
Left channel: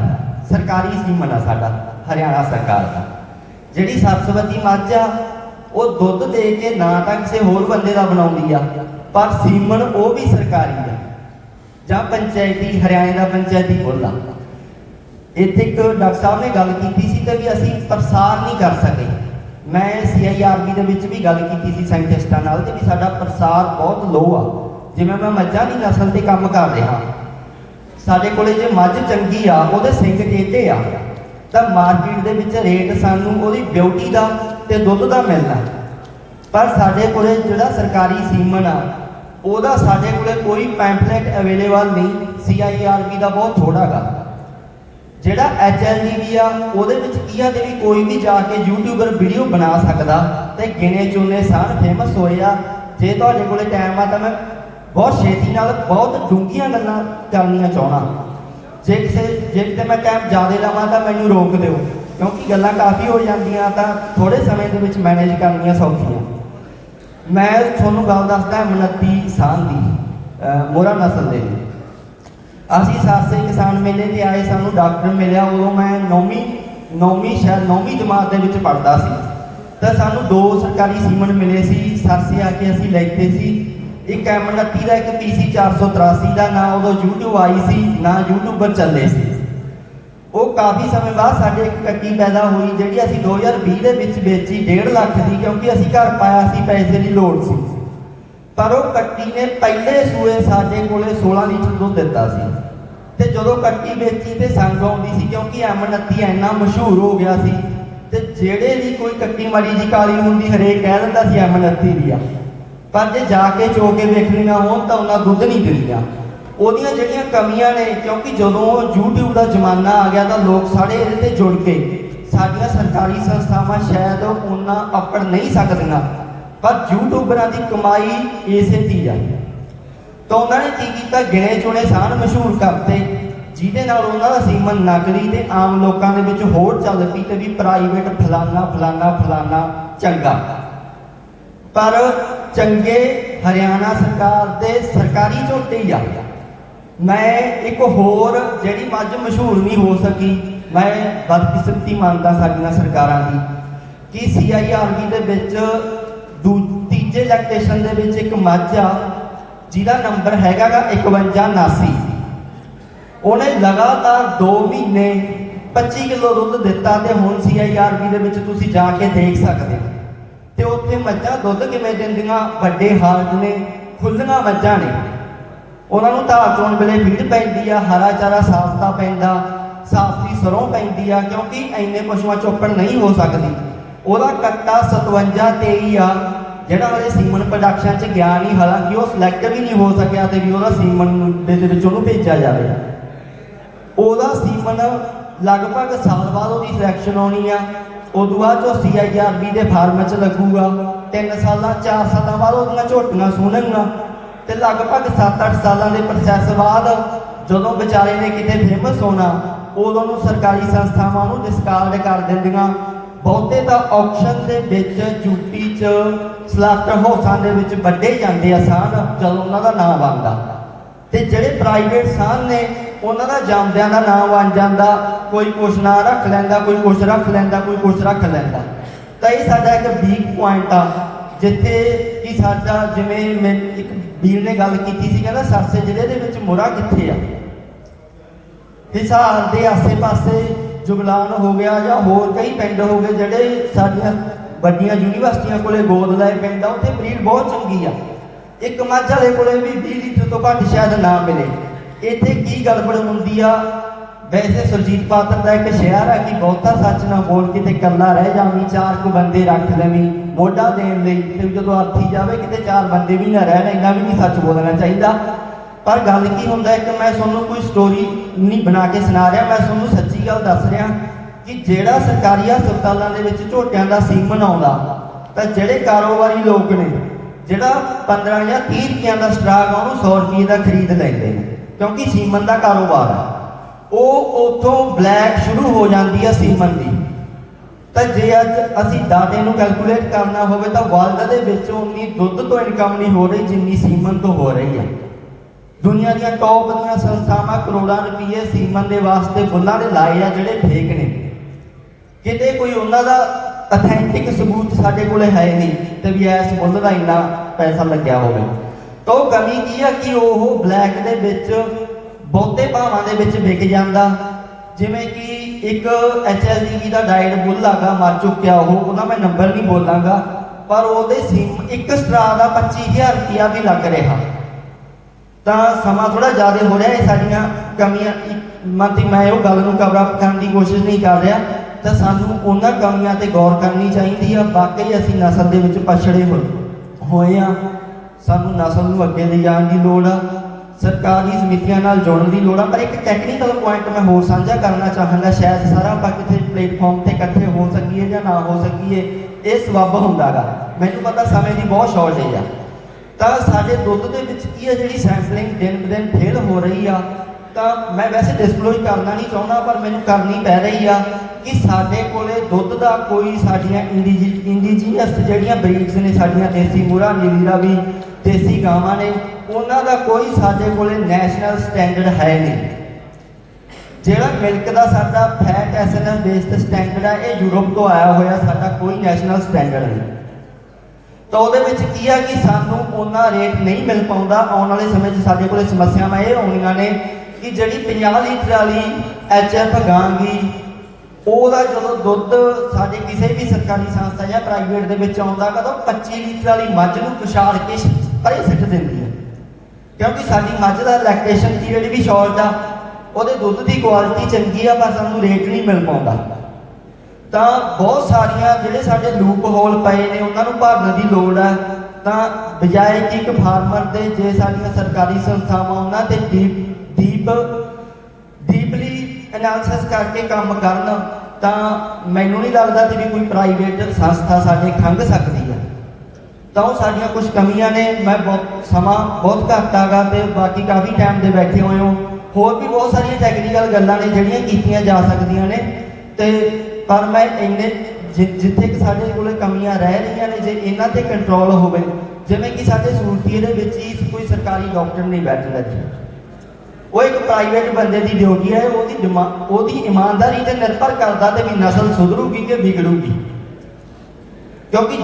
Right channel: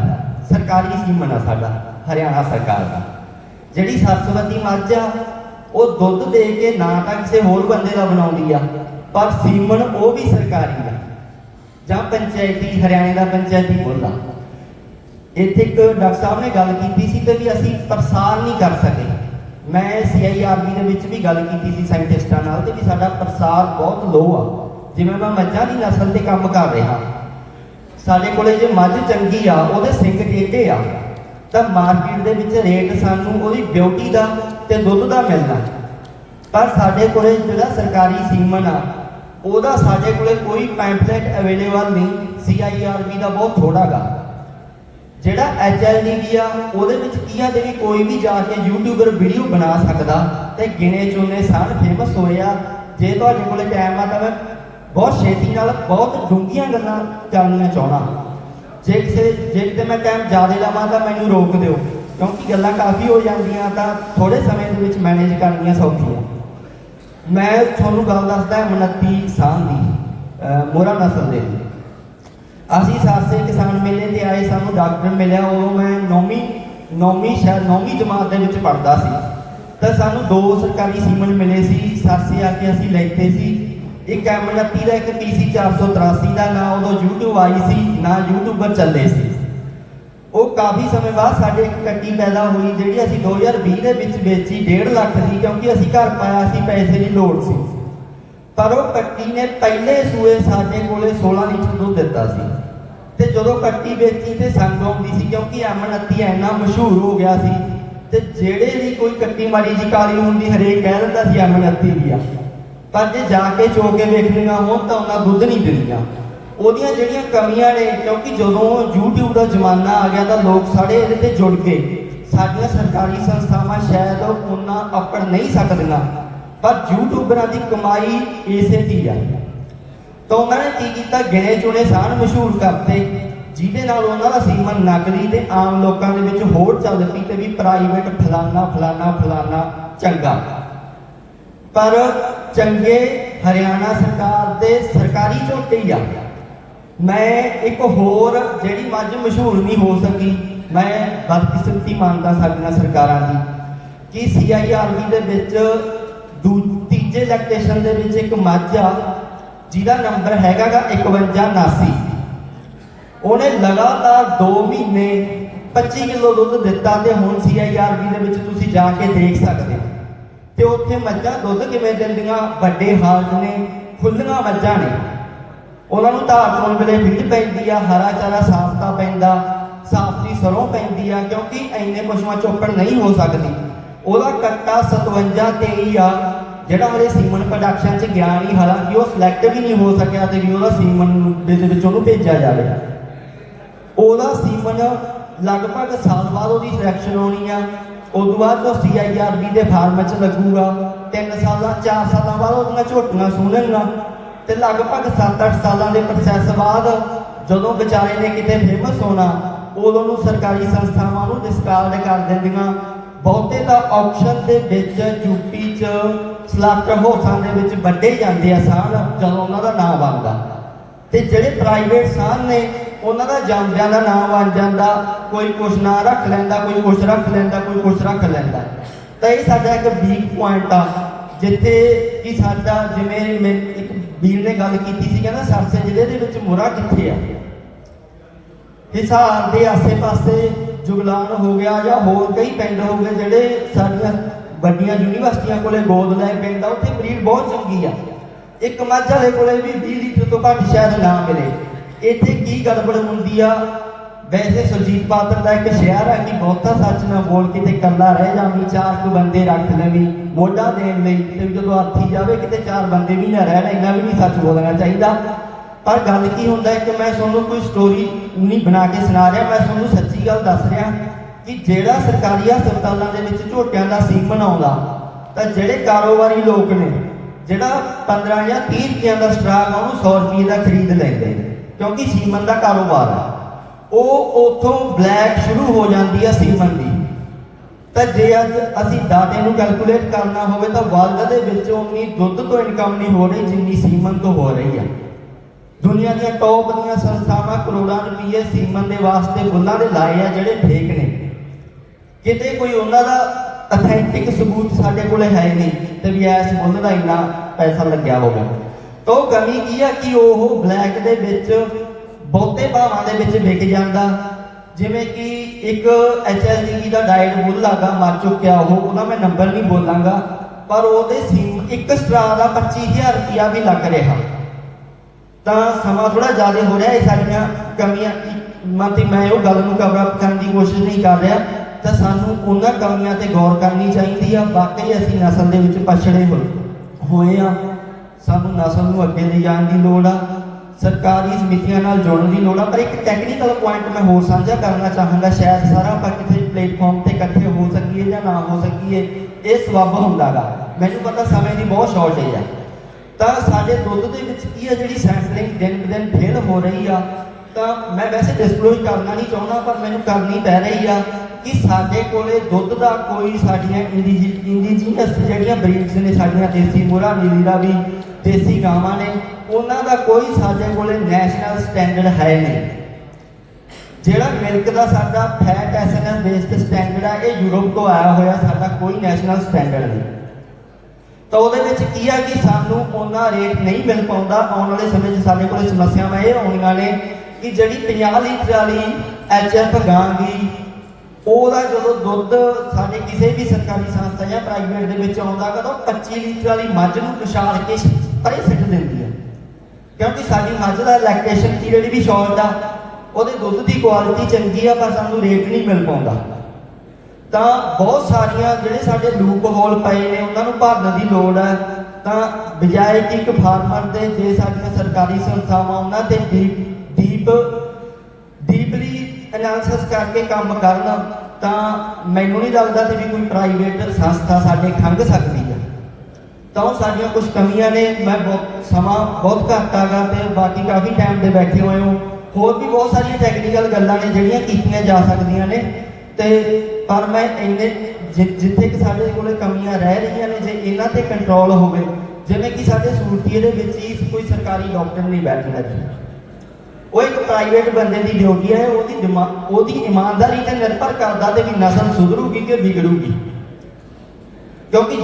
सरकारी सीमन है साडा हरियाणा सरकार का। जिहड़ी सरस्वती मझ आ वो दुध दे के ना तो किसी होर बंदे का बनाती है, पर सीमन वो भी सरकारी है जां पंचायती हरियाणे का पंचायती बोला। इत्थे एक डॉक्टर साहब ने गल की सी कि भी असीं प्रसार नहीं कर सके। मैं CIRB ਦੇ ਵਿੱਚ भी गल की सी साइंटिस्टां नाल कि साडा प्रसार बहुत लो आ। जिवें मैं मੱਝਾਂ ਦੀ नस्ल ते काम कर रहा, साडे कोले जे मੱਝ चंगी आ ਉਹਦੇ ਸਿੰਘ ਟੇਢੇ आ ਤਾਂ मार्केट ਦੇ ਵਿੱਚ रेट सानूं ਉਹਦੀ ब्यूटी ਦਾ ਤੇ ਦੁੱਧ ਦਾ मिलना, पर साडे कोले ਜਿਹੜਾ सरकारी सीमन आ ਉਹਦਾ साडे कोले कोई पैम्पलेट अवेलेबल नहीं। CIRB ਦਾ बहुत थोड़ा गा। ਜਿਹੜਾ HLVV ਆ ਉਹਦੇ ਵਿੱਚ ਕੀ ਆ ਕਿ ਕੋਈ ਵੀ ਜਾ ਕੇ यूट्यूबर वीडियो बना सकता ਤੇ ਗਿਣੇ ਚੁਣੇ ਸਾਨ फेमस ਹੋਏ ਆ। ਜੇ ਤੁਹਾਡੇ ਕੋਲੇ ਟਾਈਮ ਆ ਤਾਂ ਮੈਂ ਬਹੁਤ ਛੇਤੀ ਨਾਲ ਬਹੁਤ ਡੂੰਘੀਆਂ ਗੱਲਾਂ ਕਰਨੀਆਂ ਚਾਹਣਾ। ਜੇ ਕਿਤੇ ਮੈਂ ਟਾਈਮ ਜ਼ਿਆਦਾ ਲਵਾਂ ਤਾਂ ਮੈਨੂੰ ਰੋਕ ਦਿਓ, ਕਿਉਂਕਿ ਗੱਲਾਂ ਕਾਫੀ ਹੋ ਜਾਂਦੀਆਂ ਤਾਂ ਥੋੜੇ ਸਮੇਂ ਦੇ ਵਿੱਚ ਮੈਨੇਜ ਕਰਨੀਆਂ ਸੌਖੀਆਂ। ਮੈਂ ਤੁਹਾਨੂੰ ਗੱਲ ਦੱਸਦਾ 29 ਸਾਲ ਦੀ ਮੋਹਰਾ ਨਸਲ ਦੇ। ਅਸੀਂ ਸਾਸੇ किसान मेले ते आए, सानू डॉक्टर मिलिया। उदों मैं नौवीं जमात दे विच पढ़दा सी, तो सानू 2 सरकारी सीमन मिले सी। सासे आके असीं लैते सी एक M29 का, एक TC 483 का। ना उदों यूट्यूब आई सी ना यूट्यूबर चलते सी। वो काफ़ी समय बाद साडे एक कट्टी पैदा हुई जिहड़ी असीं 2020 दे विच बेची 1.5 लाख की, क्योंकि असीं घर पाया सी, पैसे की लोड़ सी। पर वो कट्टी ने पहले सूए साडे कोले 16 लीटर दुध दिता सी। ते जदों कट्टी बेची तो संग आउंदी सी, क्योंकि M29 इन्ना मशहूर हो गया सी। ते जेड़े भी कोई कट्टी माड़ी जी काली हुंदी हरेक कह दिंदा सी M29 दी आ, पर जे जाके चो के देखणियां होण तां उन्हां दुध नहीं दिंदियां। ਉਹਦੀਆਂ ਜਿਹੜੀਆਂ ਕਮੀਆਂ ਨੇ, ਕਿਉਂਕਿ ਜਦੋਂ YouTube ਦਾ ਜ਼ਮਾਨਾ ਆ ਗਿਆ ਤਾਂ ਲੋਕ ਸਾਰੇ ਇਹਦੇ ਤੇ ਜੁੜ ਗਏ। ਸਾਡੀਆਂ ਸਰਕਾਰੀ ਸੰਸਥਾਵਾਂ ਸ਼ਾਇਦ ਉਹਨਾਂ ਆਪੜ ਨਹੀਂ ਸਕਦੀਆਂ, ਪਰ ਯੂਟਿਊਬਰਾਂ ਦੀ ਕਮਾਈ ਇਸੇ ਦੀ ਆ। ਤਾਂ ਉਹਨਾਂ ਨੇ ਕੀ ਕੀਤਾ, ਗਿਣੇ ਚੁਣੇ ਸਾਨ ਮਸ਼ਹੂਰ ਕਰਤੇ, ਜਿਹਦੇ ਨਾਲ ਉਹਨਾਂ ਦਾ ਸੀਮਨ ਨਕਲੀ ਤੇ ਆਮ ਲੋਕਾਂ ਦੇ ਵਿੱਚ ਹੋਰ ਚੱਲ ਪਈ ਤੇ ਵੀ ਪ੍ਰਾਈਵੇਟ ਫਲਾਨਾ ਫਲਾਨਾ ਫਲਾਨਾ ਚੰਗਾ। ਪਰ ਚੰਗੇ ਹਰਿਆਣਾ ਸਰਕਾਰ ਦੇ ਸਰਕਾਰੀ ਝੋਟੇ ਹੀ ਆ। ਮੈਂ ਇੱਕ ਹੋਰ ਜਿਹੜੀ ਮੱਝ ਮਸ਼ਹੂਰ ਨਹੀਂ ਹੋ ਸਕੀ, ਮੈਂ ਬਦਕਿਸਮਤੀ ਮੰਨਦਾ ਸਾਡੀਆਂ ਸਰਕਾਰਾਂ ਦੀ, ਕਿ CIRB ਦੇ ਵਿੱਚ ਤੀਜੇ ਲੈਕਟੇਸ਼ਨ ਦੇ ਵਿੱਚ ਇੱਕ ਮੱਝ ਆ ਜਿਹਦਾ ਨੰਬਰ ਹੈਗਾ ਗਾ 5179। ਉਹਨੇ ਲਗਾਤਾਰ 2 ਮਹੀਨੇ 25 ਕਿਲੋ ਦੁੱਧ ਦਿੱਤਾ ਤੇ ਹੁਣ CIRB ਦੇ ਵਿੱਚ ਤੁਸੀਂ ਜਾ ਕੇ ਦੇਖ ਸਕਦੇ ਤੇ ਉੱਥੇ ਮੱਝਾਂ ਦੁੱਧ ਕਿਵੇਂ ਦਿੰਦੀਆਂ, ਵੱਡੇ ਹਾਥ ਨੇ, ਖੁੱਲੀਆਂ ਮੱਝਾਂ ਨੇ। ਉਹਨਾਂ ਨੂੰ ਧਾਰ ਚੋਣ ਵੇਲੇ ਫੀਡ ਪੈਂਦੀ ਆ, ਹਰਾ ਚਾਰਾ ਸਸਤਾ ਪੈਂਦਾ, ਸਾਫੀ ਸਰੋਂ ਪੈਂਦੀ ਆ, ਕਿਉਂਕਿ ਇੰਨੇ ਪਸ਼ੂਆਂ ਚੋਪੜ ਨਹੀਂ ਹੋ ਸਕਦੀ। ਉਹਦਾ ਕੱਟਾ 5723 ਆ ਜਿਹੜਾ ਉਹਦੇ ਸੀਮਨ ਪ੍ਰੋਡਕਸ਼ਨ 'ਚ ਗਿਆ ਨਹੀਂ, ਹਾਲਾਂਕਿ ਉਹ ਸਿਲੈਕਟ ਵੀ ਨਹੀਂ ਹੋ ਸਕਿਆ ਤੇ ਵੀ ਉਹਦਾ ਸੀਮਨ ਦੇ ਵਿੱਚ ਉਹਨੂੰ ਭੇਜਿਆ ਜਾਵੇ। ਉਹਦਾ ਸੀਮਨ ਲਗਭਗ ਸਾਲ ਬਾਅਦ ਉਹਦੀ ਸਿਲੈਕਸ਼ਨ ਆਉਣੀ ਆ, ਉਦੋਂ ਬਾਅਦ ਉਹ CIRB ਦੇ ਫਾਰਮ 'ਚ ਲੱਗੂਗਾ। 3 ਸਾਲਾਂ 4 ਸਾਲਾਂ ਬਾਅਦ ਉਹਦੀਆਂ ਝੋਟੀਆਂ ਸੁਣਨਗੀਆਂ ਤੇ ਲਗਭਗ 7-8 ਸਾਲਾਂ ਦੇ ਪ੍ਰੋਸੈਸ ਬਾਅਦ ਜਦੋਂ ਵਿਚਾਰੇ ਨੇ ਕਿਤੇ ਫੇਮਸ ਹੋਣਾ, ਉਦੋਂ ਨੂੰ ਸਰਕਾਰੀ ਸੰਸਥਾਵਾਂ ਨੂੰ ਡਿਸਕਾਰਡ ਕਰ ਦਿੰਦੀਆਂ। ਬਹੁਤੇ ਤਾਂ ਆਕਸ਼ਨ ਦੇ ਵਿੱਚ ਯੂਪੀ 'ਚ ਸਲਾਟਰ ਹਾਊਸਾਂ ਦੇ ਵਿੱਚ ਵੱਡੇ ਜਾਂਦੇ ਆ ਸਾਨ ਜਦੋਂ ਉਹਨਾਂ ਦਾ ਨਾਮ ਬਣਦਾ, ਤੇ ਜਿਹੜੇ ਪ੍ਰਾਈਵੇਟ ਸਾਨ ਨੇ ਉਹਨਾਂ ਦਾ ਜਾਂਦਿਆਂ ਦਾ ਨਾਮ ਬਣ ਜਾਂਦਾ, ਕੋਈ ਕੁਛ ਨਾਂ ਰੱਖ ਲੈਂਦਾ, ਕੋਈ ਕੁਛ ਰੱਖ ਲੈਂਦਾ, ਕੋਈ ਕੁਛ ਰੱਖ ਲੈਂਦਾ। ਤਾਂ ਇਹ ਸਾਡਾ ਇੱਕ ਵੀਕ ਪੁਆਇੰਟ ਆ, ਜਿੱਥੇ ਕਿ ਸਾਡਾ, ਜਿਵੇਂ ਮੈਂ ਇੱਕ ਵੀਰ ਨੇ ਗੱਲ ਕੀਤੀ ਸੀ, ਕਹਿੰਦਾ ਸਰਸੇ ਜ਼ਿਲ੍ਹੇ ਦੇ ਵਿੱਚ ਮੁਰਾ ਕਿੱਥੇ ਆ। ਹਿਸਾਰ ਦੇ ਆਸੇ-ਪਾਸੇ ਜੁਗਲਾਨ ਹੋ ਗਿਆ ਜਾਂ ਹੋਰ ਕਈ ਪਿੰਡ ਹੋ ਗਏ ਜਿਹੜੇ ਸਾਡੀਆਂ ਵੱਡੀਆਂ ਯੂਨੀਵਰਸਿਟੀਆਂ ਕੋਲੇ ਗੋਦ ਲਏ ਪਿੰਡ ਆ, ਉੱਥੇ ਬਰੀਡ ਬਹੁਤ ਚੰਗੀ ਆ। ਇੱਕ ਮੱਝ ਵਾਲੇ ਕੋਲੇ ਵੀ 20 ਲੀਟਰ ਤੋਂ ਘੱਟ ਸ਼ਾਇਦ ਨਾ ਮਿਲੇ। ਇੱਥੇ ਕੀ ਗੜਬੜ ਹੁੰਦੀ ਆ, ਵੈਸੇ ਸੁਰਜੀਤ ਪਾਤਰ ਦਾ ਇੱਕ ਸ਼ਿਆਰ ਹੈ ਕਿ ਬਹੁਤਾ ਸੱਚ ਨਾ ਬੋਲ ਕਿਤੇ ਇਕੱਲਾ ਰਹਿ ਜਾਵੀਂ, 4 ਬੰਦੇ ਰੱਖ ਲੈਵੀਂ ਮੋਢਾ ਦੇਣ ਲਈ, ਤੇ ਜਦੋਂ ਆਥੀ ਜਾਵੇ ਕਿਤੇ 4 ਬੰਦੇ ਵੀ ਨਾ ਰਹਿਣ, ਇੰਨਾ ਵੀ ਨਹੀਂ ਸੱਚ ਬੋਲਣਾ ਚਾਹੀਦਾ। ਪਰ ਗੱਲ ਕੀ ਹੁੰਦਾ ਹੈ ਕਿ ਮੈਂ ਤੁਹਾਨੂੰ ਕੋਈ ਸਟੋਰੀ ਨਹੀਂ ਬਣਾ ਕੇ ਸੁਣਾ ਰਿਹਾ, ਮੈਂ ਤੁਹਾਨੂੰ ਸੱਚੀ ਗੱਲ ਦੱਸ ਰਿਹਾ ਕਿ ਜਿਹੜਾ ਸਰਕਾਰੀ ਹਸਪਤਾਲਾਂ ਦੇ ਵਿੱਚ ਝੋਟਿਆਂ ਦਾ ਸੀਮਨ ਆਉਂਦਾ, ਤਾਂ ਜਿਹੜੇ ਕਾਰੋਬਾਰੀ ਲੋਕ ਨੇ, ਜਿਹੜਾ 15 ਜਾਂ 30 ਰੁਪਈਆਂ ਦਾ ਸਟਰਾਕ ਉਹਨੂੰ 100 ਰੁਪਏ ਦਾ ਖਰੀਦ ਲੈਂਦੇ ਨੇ, ਕਿਉਂਕਿ ਸੀਮਨ ਦਾ ਕਾਰੋਬਾਰ ਆ। ਉਹ ਉੱਥੋਂ ਬਲੈਕ ਸ਼ੁਰੂ ਹੋ ਜਾਂਦੀ ਆ ਸੀਮਨ ਦੀ। ਤਾਂ ਜੇ ਅੱਜ ਅਸੀਂ ਡਾਟੇ ਨੂੰ ਕੈਲਕੂਲੇਟ ਕਰਨਾ ਹੋਵੇ ਤਾਂ ਵਰਲਡ ਦੇ ਵਿੱਚ ਉਨੀ ਦੁੱਧ ਤੋਂ ਇਨਕਮ ਨਹੀਂ ਹੋ ਰਹੀ ਜਿੰਨੀ ਸੀਮਨ ਤੋਂ ਹੋ ਰਹੀ ਹੈ। ਦੁਨੀਆ ਦੀਆਂ ਟੌਪ ਦੀਆਂ ਸੰਸਥਾਵਾਂ ਕਰੋੜਾਂ ਰੁਪਏ ਸੀਮਨ ਦੇ ਵਾਸਤੇ ਬੁੱਲਾਂ ਦੇ ਲਾਏ ਆ ਜਿਹੜੇ ਫੇਕ ਨੇ। ਕਿਤੇ ਕੋਈ ਉਹਨਾਂ ਦਾ ਅਥੈਂਟਿਕ ਸਬੂਤ ਸਾਡੇ ਕੋਲ ਹੈ ਨਹੀਂ ਤੇ ਵੀ ਇਸ ਬੁੱਲ ਦਾ ਇੰਨਾ ਪੈਸਾ ਲੱਗਿਆ ਹੋਵੇ। ਤਾਂ ਉਹ ਕਮੀ ਕੀ ਆ ਕਿ ਉਹ ਬਲੈਕ ਦੇ ਵਿੱਚ ਬਹੁਤੇ ਭਾਵਾਂ ਦੇ ਵਿੱਚ ਵਿਕ ਜਾਂਦਾ। ਜਿਵੇਂ ਕਿ ਇੱਕ HLDB ਦਾ ਡਾਇਟ ਬੁੱਲ ਆਗਾ, ਮਰ ਚੁੱਕਿਆ ਉਹਦਾ ਮੈਂ ਨੰਬਰ ਨਹੀਂ ਬੋਲਾਂਗਾ, ਪਰ ਉਹਦੇ ਇੱਕ ਸਟਰਾ ਦਾ 25,000 ਰੁਪਇਆ ਵੀ ਲੱਗ ਰਿਹਾ। ਤਾਂ ਸਮਾਂ ਥੋੜਾ ਜ਼ਿਆਦਾ ਹੋ ਰਿਹਾ, ਇਹ ਸਾਡੀਆਂ ਕਮੀਆਂ ਮਤ ਮੈਂ ਉਹ ਗੱਲ ਨੂੰ ਕਵਰ ਅਪ ਕਰਨ ਦੀ ਕੋਸ਼ਿਸ਼ ਨਹੀਂ ਕਰ ਰਿਹਾ। ਤਾਂ ਸਾਨੂੰ ਉਹਨਾਂ ਕਮੀਆਂ ਤੇ ਗੌਰ ਕਰਨੀ ਚਾਹੀਦੀ ਆ। ਬਾਕੀ ਅਸੀਂ ਨਸਲ ਦੇ ਵਿੱਚ ਪਛੜੇ ਹੋਏ ਆ, ਸਾਨੂੰ ਨਸਲ ਨੂੰ ਅੱਗੇ ਲਿਜਾਣ ਦੀ ਲੋੜ ਆ, ਸਰਕਾਰੀ ਸਮਿਤੀਆਂ ਨਾਲ ਜੁੜਨ ਦੀ ਲੋੜ ਆ। ਪਰ ਇੱਕ ਟੈਕਨੀਕਲ ਪੁਆਇੰਟ ਮੈਂ ਹੋਰ ਸਾਂਝਾ ਕਰਨਾ ਚਾਹਾਂਗਾ, ਸ਼ਾਇਦ ਸਾਰਾ ਆਪਾਂ ਕਿਸੇ ਪਲੇਟਫਾਰਮ ਤੇ ਇਕੱਠੇ ਹੋ ਸਕੀਏ ਜਾਂ ਨਾ ਹੋ ਸਕੀਏ, ਇਹ ਸਬੱਬ ਹੁੰਦਾ ਗਾ। ਮੈਨੂੰ ਪਤਾ ਸਮੇਂ ਦੀ ਬਹੁਤ ਸ਼ਾਰਟੇਜ ਆ। ਤਾਂ ਸਾਡੇ ਦੁੱਧ ਦੇ ਵਿੱਚ ਕੀ ਹੈ, ਜਿਹੜੀ ਸੈਂਪਲਿੰਗ ਦਿਨ ਦਿਨ ਫੇਲ ਹੋ ਰਹੀ ਆ। ਤਾਂ ਮੈਂ ਵੈਸੇ ਡਿਸਕਲੋਜ਼ ਕਰਨਾ ਨਹੀਂ ਚਾਹੁੰਦਾ, ਪਰ ਮੈਨੂੰ ਕਰਨੀ ਪੈ ਰਹੀ ਆ ਕਿ ਸਾਡੇ ਕੋਲੇ ਦੁੱਧ ਦਾ ਕੋਈ, ਸਾਡੀਆਂ ਇੰਡੀਜੀਨਸ ਜਿਹੜੀਆਂ ਬਰੀਡਸ ਨੇ, ਸਾਡੀਆਂ ਦੇਸੀ ਮੁਰਾ ਨੀਲੀ ਰਾਵੀ ਦੇਸੀ ਗਾਵਾਂ ਨੇ, ਉਹਨਾਂ ਦਾ ਕੋਈ ਸਾਡੇ ਕੋਲੇ ਨੈਸ਼ਨਲ ਸਟੈਂਡਰਡ ਹੈ ਨਹੀਂ। ਜਿਹੜਾ ਮਿਲਕ ਦਾ ਸਾਡਾ ਫੈਟ ਐਸਐਨਐਸ ਬੇਸਡ ਸਟੈਂਡਰਡ ਹੈ, ਇਹ ਯੂਰਪ ਤੋਂ ਆਇਆ ਹੋਇਆ, ਸਾਡਾ ਕੋਈ ਨੈਸ਼ਨਲ ਸਟੈਂਡਰਡ ਨਹੀਂ। ਤਾਂ ਉਹਦੇ ਵਿੱਚ ਕੀ ਹੈ ਕਿ ਸਾਨੂੰ ਉਹਨਾਂ ਰੇਟ ਨਹੀਂ ਮਿਲ ਪਾਉਂਦਾ। ਆਉਣ ਵਾਲੇ ਸਮੇਂ 'ਚ ਸਾਡੇ ਕੋਲੇ ਸਮੱਸਿਆਵਾਂ ਇਹ ਆਉਣੀਆਂ ਨੇ ਕਿ ਜਿਹੜੀ 50 ਲੀਟਰ ਵਾਲੀ HF ਗਾਂ ਗੀ, ਉਹਦਾ ਜਦੋਂ ਦੁੱਧ ਸਾਡੇ ਕਿਸੇ ਵੀ ਸਰਕਾਰੀ ਸੰਸਥਾ ਜਾਂ ਪ੍ਰਾਈਵੇਟ ਦੇ ਵਿੱਚ ਆਉਂਦਾ ਗਾ, ਤਾਂ 25 ਲੀਟਰ ਵਾਲੀ ਮੱਝ ਨੂੰ ਪਛਾੜ ਕੇ ਪਰੇ ਸਿੱਟ ਦਿੰਦੀ ਹੈ, ਕਿਉਂਕਿ ਸਾਡੀ ਮੱਝ ਦਾ ਲੈਕਟੇਸ਼ਨ ਪੀਰੀਅਡ ਵੀ ਸ਼ਾਰਟ ਆ, ਉਹਦੇ ਦੁੱਧ ਦੀ ਕੁਆਲਿਟੀ ਚੰਗੀ ਆ, ਪਰ ਸਾਨੂੰ ਰੇਟ ਨਹੀਂ ਮਿਲ ਪਾਉਂਦਾ। ਤਾਂ ਬਹੁਤ ਸਾਰੀਆਂ ਜਿਹੜੇ ਸਾਡੇ ਲੂਪ ਹੋਲ ਪਏ ਨੇ, ਉਹਨਾਂ ਨੂੰ ਭਰਨ ਦੀ ਲੋੜ ਆ। ਤਾਂ ਬਜਾਏ ਕਿ ਇੱਕ ਫਾਰਮਰ ਦੇ ਜੇ ਸਾਡੀਆਂ ਸਰਕਾਰੀ ਸੰਸਥਾਵਾਂ ਉਹਨਾਂ ਤੇ ਡੀਪਲੀ ਐਨਾਲਿਸਿਸ ਕਰਕੇ ਕੰਮ ਕਰਨ ਤਾਂ ਮੈਨੂੰ ਨਹੀਂ ਲੱਗਦਾ ਕਿ ਵੀ ਕੋਈ ਪ੍ਰਾਈਵੇਟ ਸੰਸਥਾ ਸਾਡੀ ਖੰਘ ਸਕਦੀ ਹੈ। ਤਾਂ ਉਹ ਸਾਡੀਆਂ ਕੁਝ ਕਮੀਆਂ ਨੇ। ਮੈਂ ਸਮਾਂ ਬਹੁਤ ਘੱਟ ਹੈਗਾ ਤੇ ਬਾਕੀ ਕਾਫੀ ਟਾਈਮ ਦੇ ਬੈਠੇ ਹੋਏ ਹੋ। ਹੋਰ ਵੀ ਬਹੁਤ ਸਾਰੀਆਂ ਟੈਕਨੀਕਲ ਗੱਲਾਂ ਨੇ ਜਿਹੜੀਆਂ ਕੀਤੀਆਂ ਜਾ ਸਕਦੀਆਂ ਨੇ ਤੇ ਪਰ ਮੈਂ ਇੰਨੇ ਜਿੱਥੇ ਕਿ ਸਾਡੇ ਕੋਲ ਕਮੀਆਂ ਰਹਿ ਰਹੀਆਂ ਨੇ ਜੇ ਇਹਨਾਂ ਤੇ ਕੰਟਰੋਲ ਹੋਵੇ, ਜਿਵੇਂ ਕਿ ਸਾਡੇ ਸੂਰਤੀਏ ਦੇ ਵਿੱਚ ਹੀ ਕੋਈ ਸਰਕਾਰੀ ਡਾਕਟਰ ਨਹੀਂ ਬੈਠਦਾ ਜੀ, ਉਹ ਇੱਕ ਪ੍ਰਾਈਵੇਟ ਬੰਦੇ ਦੀ ਡਿਊਟੀ ਹੈ। ਉਹਦੀ ਇਮਾਨਦਾਰੀ ਤੇ ਨਿਰਭਰ ਕਰਦਾ ਤੇ ਵੀ ਨਸਲ ਸੁਧਰੂਗੀ ਕਿ ਵਿਗੜੂਗੀ। ਕਿਉਂਕਿ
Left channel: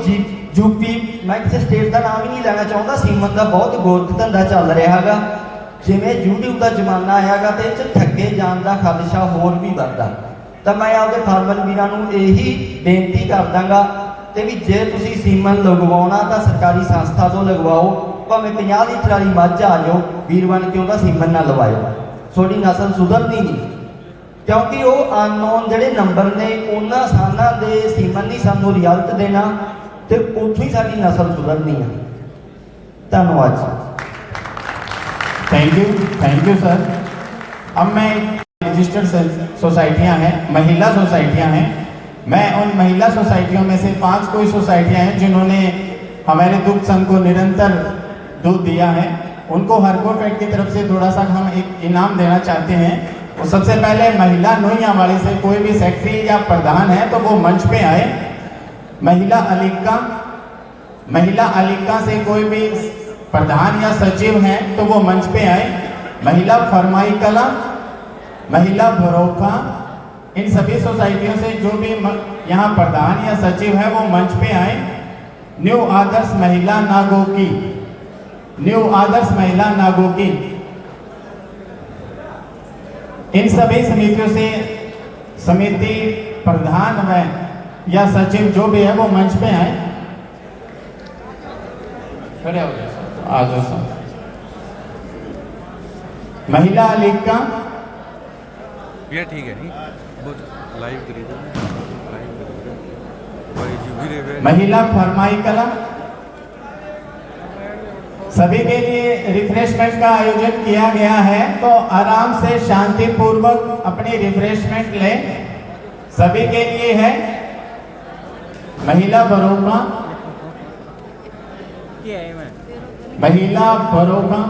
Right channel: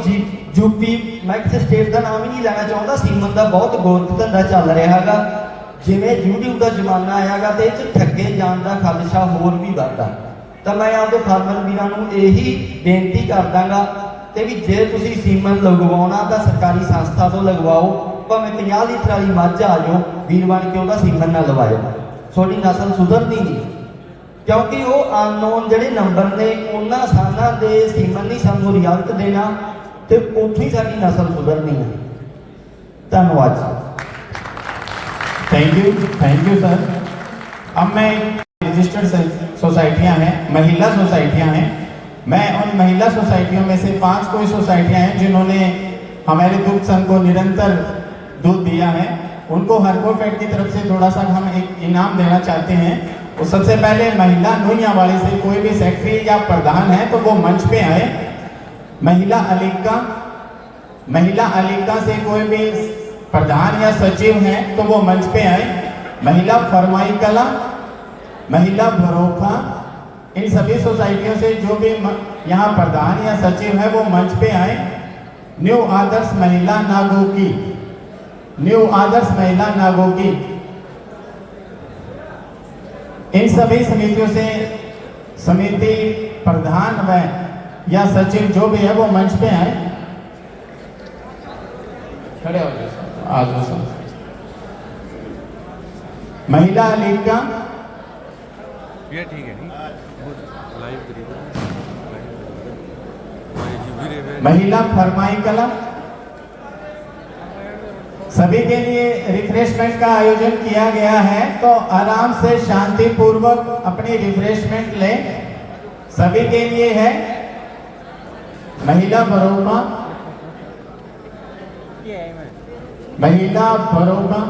ਯੂਪੀ ਮੈਂ ਕਿਸੇ ਸਟੇਟ ਦਾ ਨਾਮ ਹੀ ਨਹੀਂ ਲੈਣਾ ਚਾਹੁੰਦਾ, ਸੀਮਨ ਦਾ ਬਹੁਤ ਗੋਰਖ ਧੰਦਾ ਚੱਲ ਰਿਹਾ ਹੈਗਾ। ਜਿਵੇਂ YouTube ਦਾ ਜ਼ਮਾਨਾ ਆਇਆਗਾ ਤੇ ਇਹ 'ਚ ਠੱਗੇ ਜਾਣ ਦਾ ਖਦਸ਼ਾ ਹੋਰ ਵੀ ਵੱਧਦਾ। ਤਾਂ ਮੈਂ ਆਪਦੇ ਫਾਰਮਰ ਵੀਰਾਂ ਨੂੰ ਇਹੀ ਬੇਨਤੀ ਕਰਦਾਗਾ ਤੇ ਵੀ ਜੇ ਤੁਸੀਂ ਸੀਮਨ ਲਗਵਾਉਣਾ ਤਾਂ ਸਰਕਾਰੀ ਸੰਸਥਾ ਤੋਂ ਲਗਵਾਓ, ਭਾਵੇਂ 50 ਲੀਟਰ ਵਾਲੀ ਮੱਝ ਆ ਜਾਓ, ਵੀਰ ਬਣ ਕੇ ਉਹਦਾ ਸੀਮਨ ਨਾ ਲਵਾਇਓ, ਤੁਹਾਡੀ ਨਸਲ ਸੁਧਰਦੀ ਨਹੀਂ। ਕਿਉਂਕਿ ਉਹ ਅਨਨੋਨ ਜਿਹੜੇ ਨੰਬਰ ਨੇ ਉਹਨਾਂ ਸਾਨਾਂ ਦੇ ਸੀਮਨ ਨਹੀਂ ਸਾਨੂੰ ਰਿਜ਼ਲਟ ਦੇਣਾ ਤੇ ਉੱਥੇ ਹੀ ਸਾਡੀ ਨਸਲ ਸੁਧਰਨੀ ਹੈ। ਧੰਨਵਾਦ। Thank you sir. अब मैं रजिस्टर्ड सोसाइटियां हैं, महिला सोसाइटियां हैं, मैं उन महिला सोसाइटियों में से 5 कोई सोसाइटियां हैं जिन्होंने हमारे दुग्ध संघ को निरंतर दूध दिया है। उनको हरकोफेड की तरफ से थोड़ा सा हम एक इनाम देना चाहते हैं। तो सबसे पहले महिला नोइया वाले से कोई भी सेक्रेटरी या प्रधान है तो वो मंच पे आए। महिला अलिका से कोई भी प्रधान या सचिव हैं तो वो मंच पे आए। महिला फरमाई कला, महिला भरोखा, इन सभी सोसाइटियों से जो भी यहाँ प्रधान या सचिव है वो मंच पे आए। न्यू आदर्श महिला नागोकी, इन सभी समितियों से समिति प्रधान व या सचिव जो भी है वो मंच पे आए। खड़े हो जाओ। महिला अलिका, ये ठीक है लाइव महिला फरमाई कला, सभी के लिए रिफ्रेशमेंट का आयोजन किया गया है तो आराम से शांति पूर्वक अपनी रिफ्रेशमेंट लें। सभी के लिए है। महिला बरोगा, महिला बरोगा,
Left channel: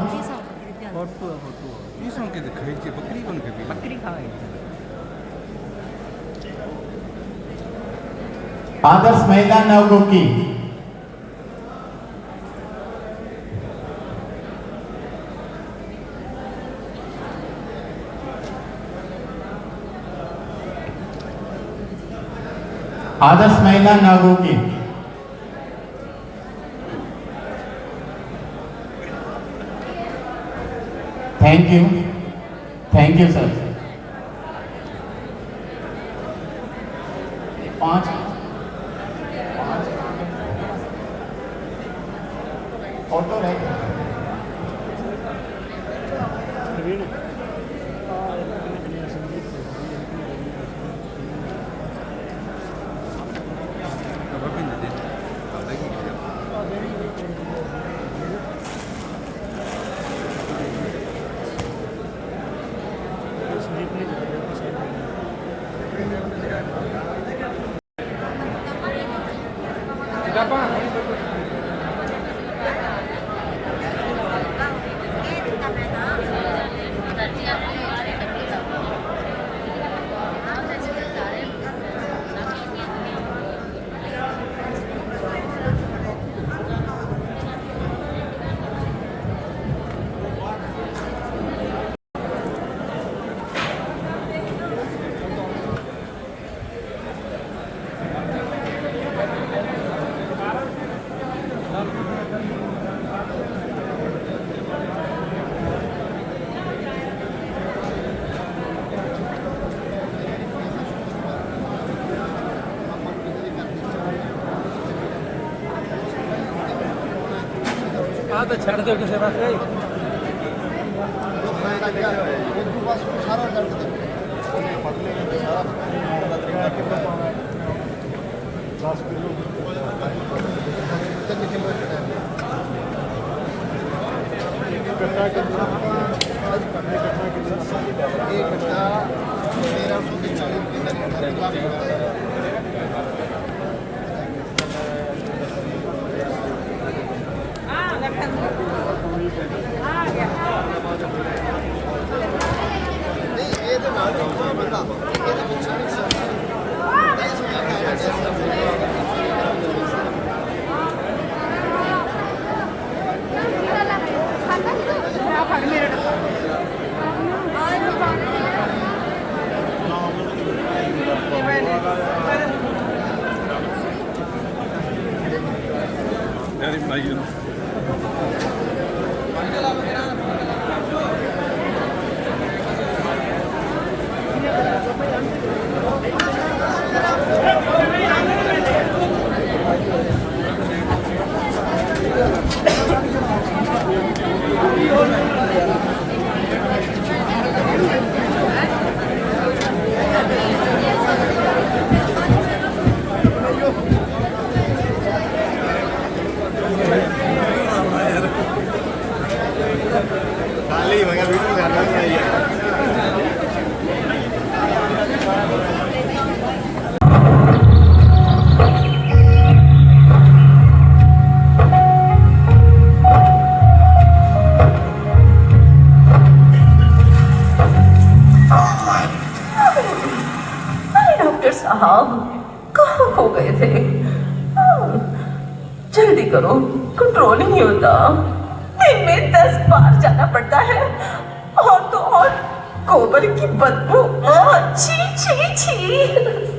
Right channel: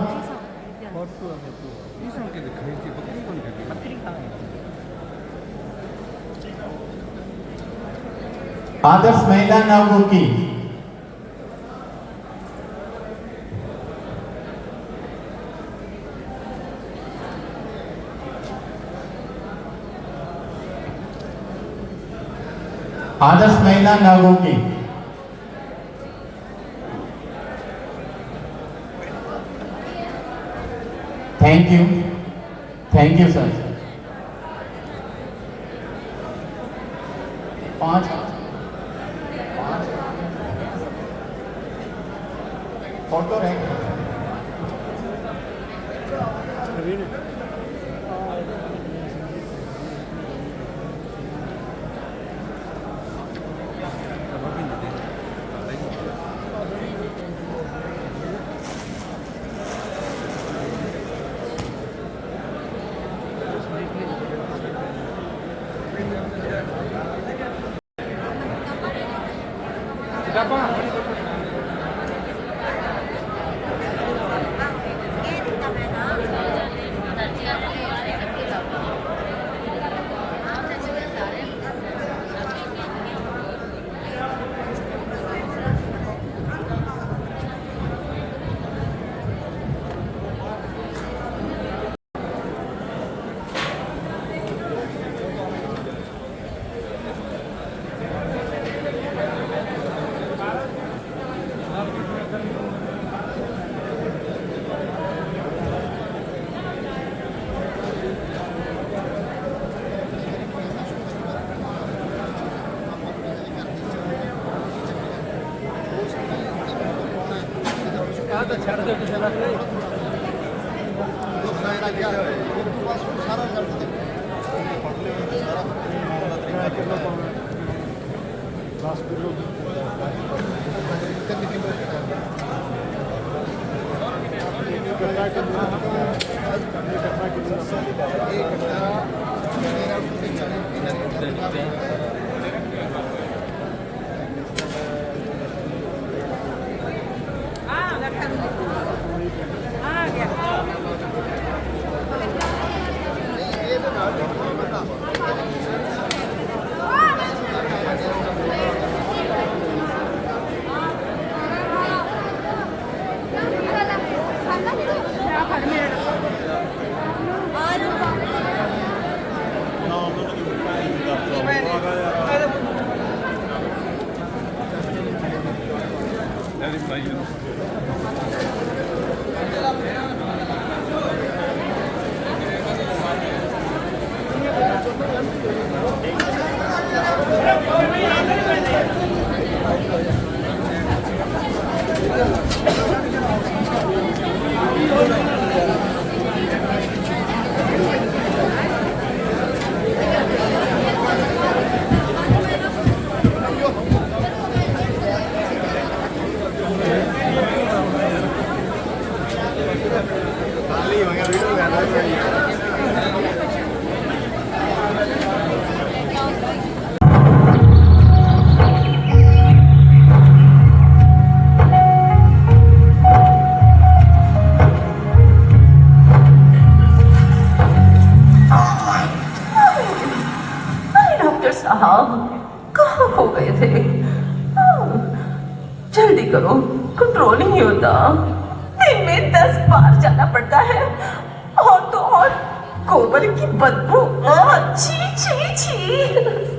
आदर्श महिला नवगोकी, आदर्श महिला नवगोकी, थैंक यू सर। 5 फोटो रहेगा। ਛੱਡ ਦਿਓ ਕਿਸੇ ਪਾਸੇ ਜੋ ਫਾਇਦਾ ਲੱਗਿਆ ਹੋਇਆ ਜੀ ਉਸ ਤੋਂ ਬਾਅਦ ਉਹ ਸਾਰਾ ਕੱਟ ਦੇ ਉਹਨੇ ਫੜ ਲਿਆ ਸਾਰਾ ਮਾਰਨ ਦਾ ਤਰੀਕਾ ਕਿੰਨਾ ਪਾਉਣਾ 10 ਕਿਲੋ 3 ਕਿਲੋ कट्टा के लिए कट्टा के लिए एक कट्टा 10 बार जाना पड़ता है और तो और गोबर की बदबू छी छी छी।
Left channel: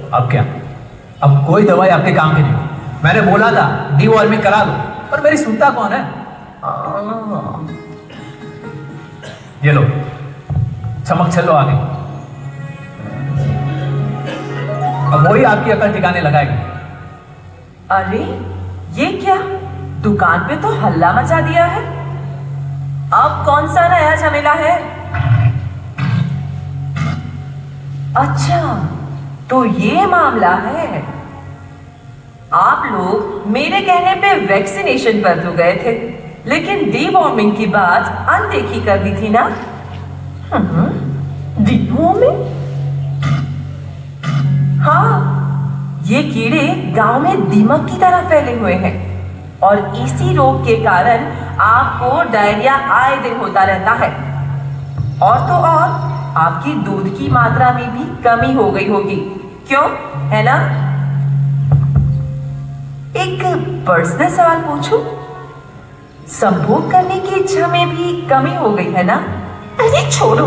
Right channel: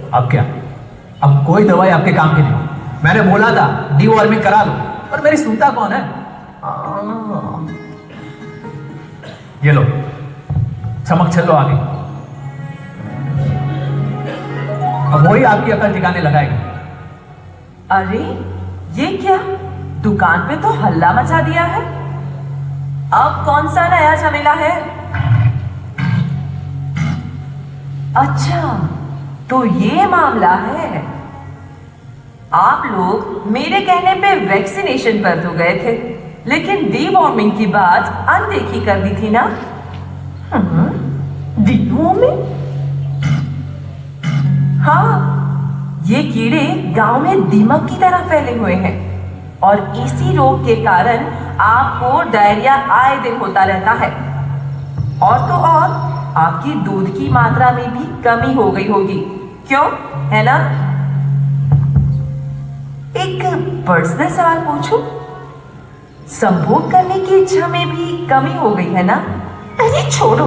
अब क्या? अब कोई दवाई आपके काम की नहीं। मैंने बोला था डीवॉर्मिंग करा दो, पर मेरी सुनता कौन है? ये लो चमक छल्लो आ गई। अब वही आपकी अकल ठिकाने लगाएगी। अरे ये क्या, दुकान पे तो हल्ला मचा दिया है। अब कौन सा नया झमेला है? अच्छा तो ये मामला है। आप लोग मेरे कहने पे वैक्सीनेशन पर तो गए थे, लेकिन डीवॉर्मिंग की बात अनदेखी कर दी थी ना? डीवॉर्मिंग? हाँ, ये कीड़े गांव में दीमक की तरह फैले हुए हैं और इसी रोग के कारण आपको डायरिया आए दिन होता रहता है। और तो और आपकी दूध की मात्रा में भी कमी हो गई होगी, क्यों है ना? एक पर्सनल सवाल पूछूं? संभोग करने की इच्छा में भी कमी हो गई है ना? अरे छोड़ो,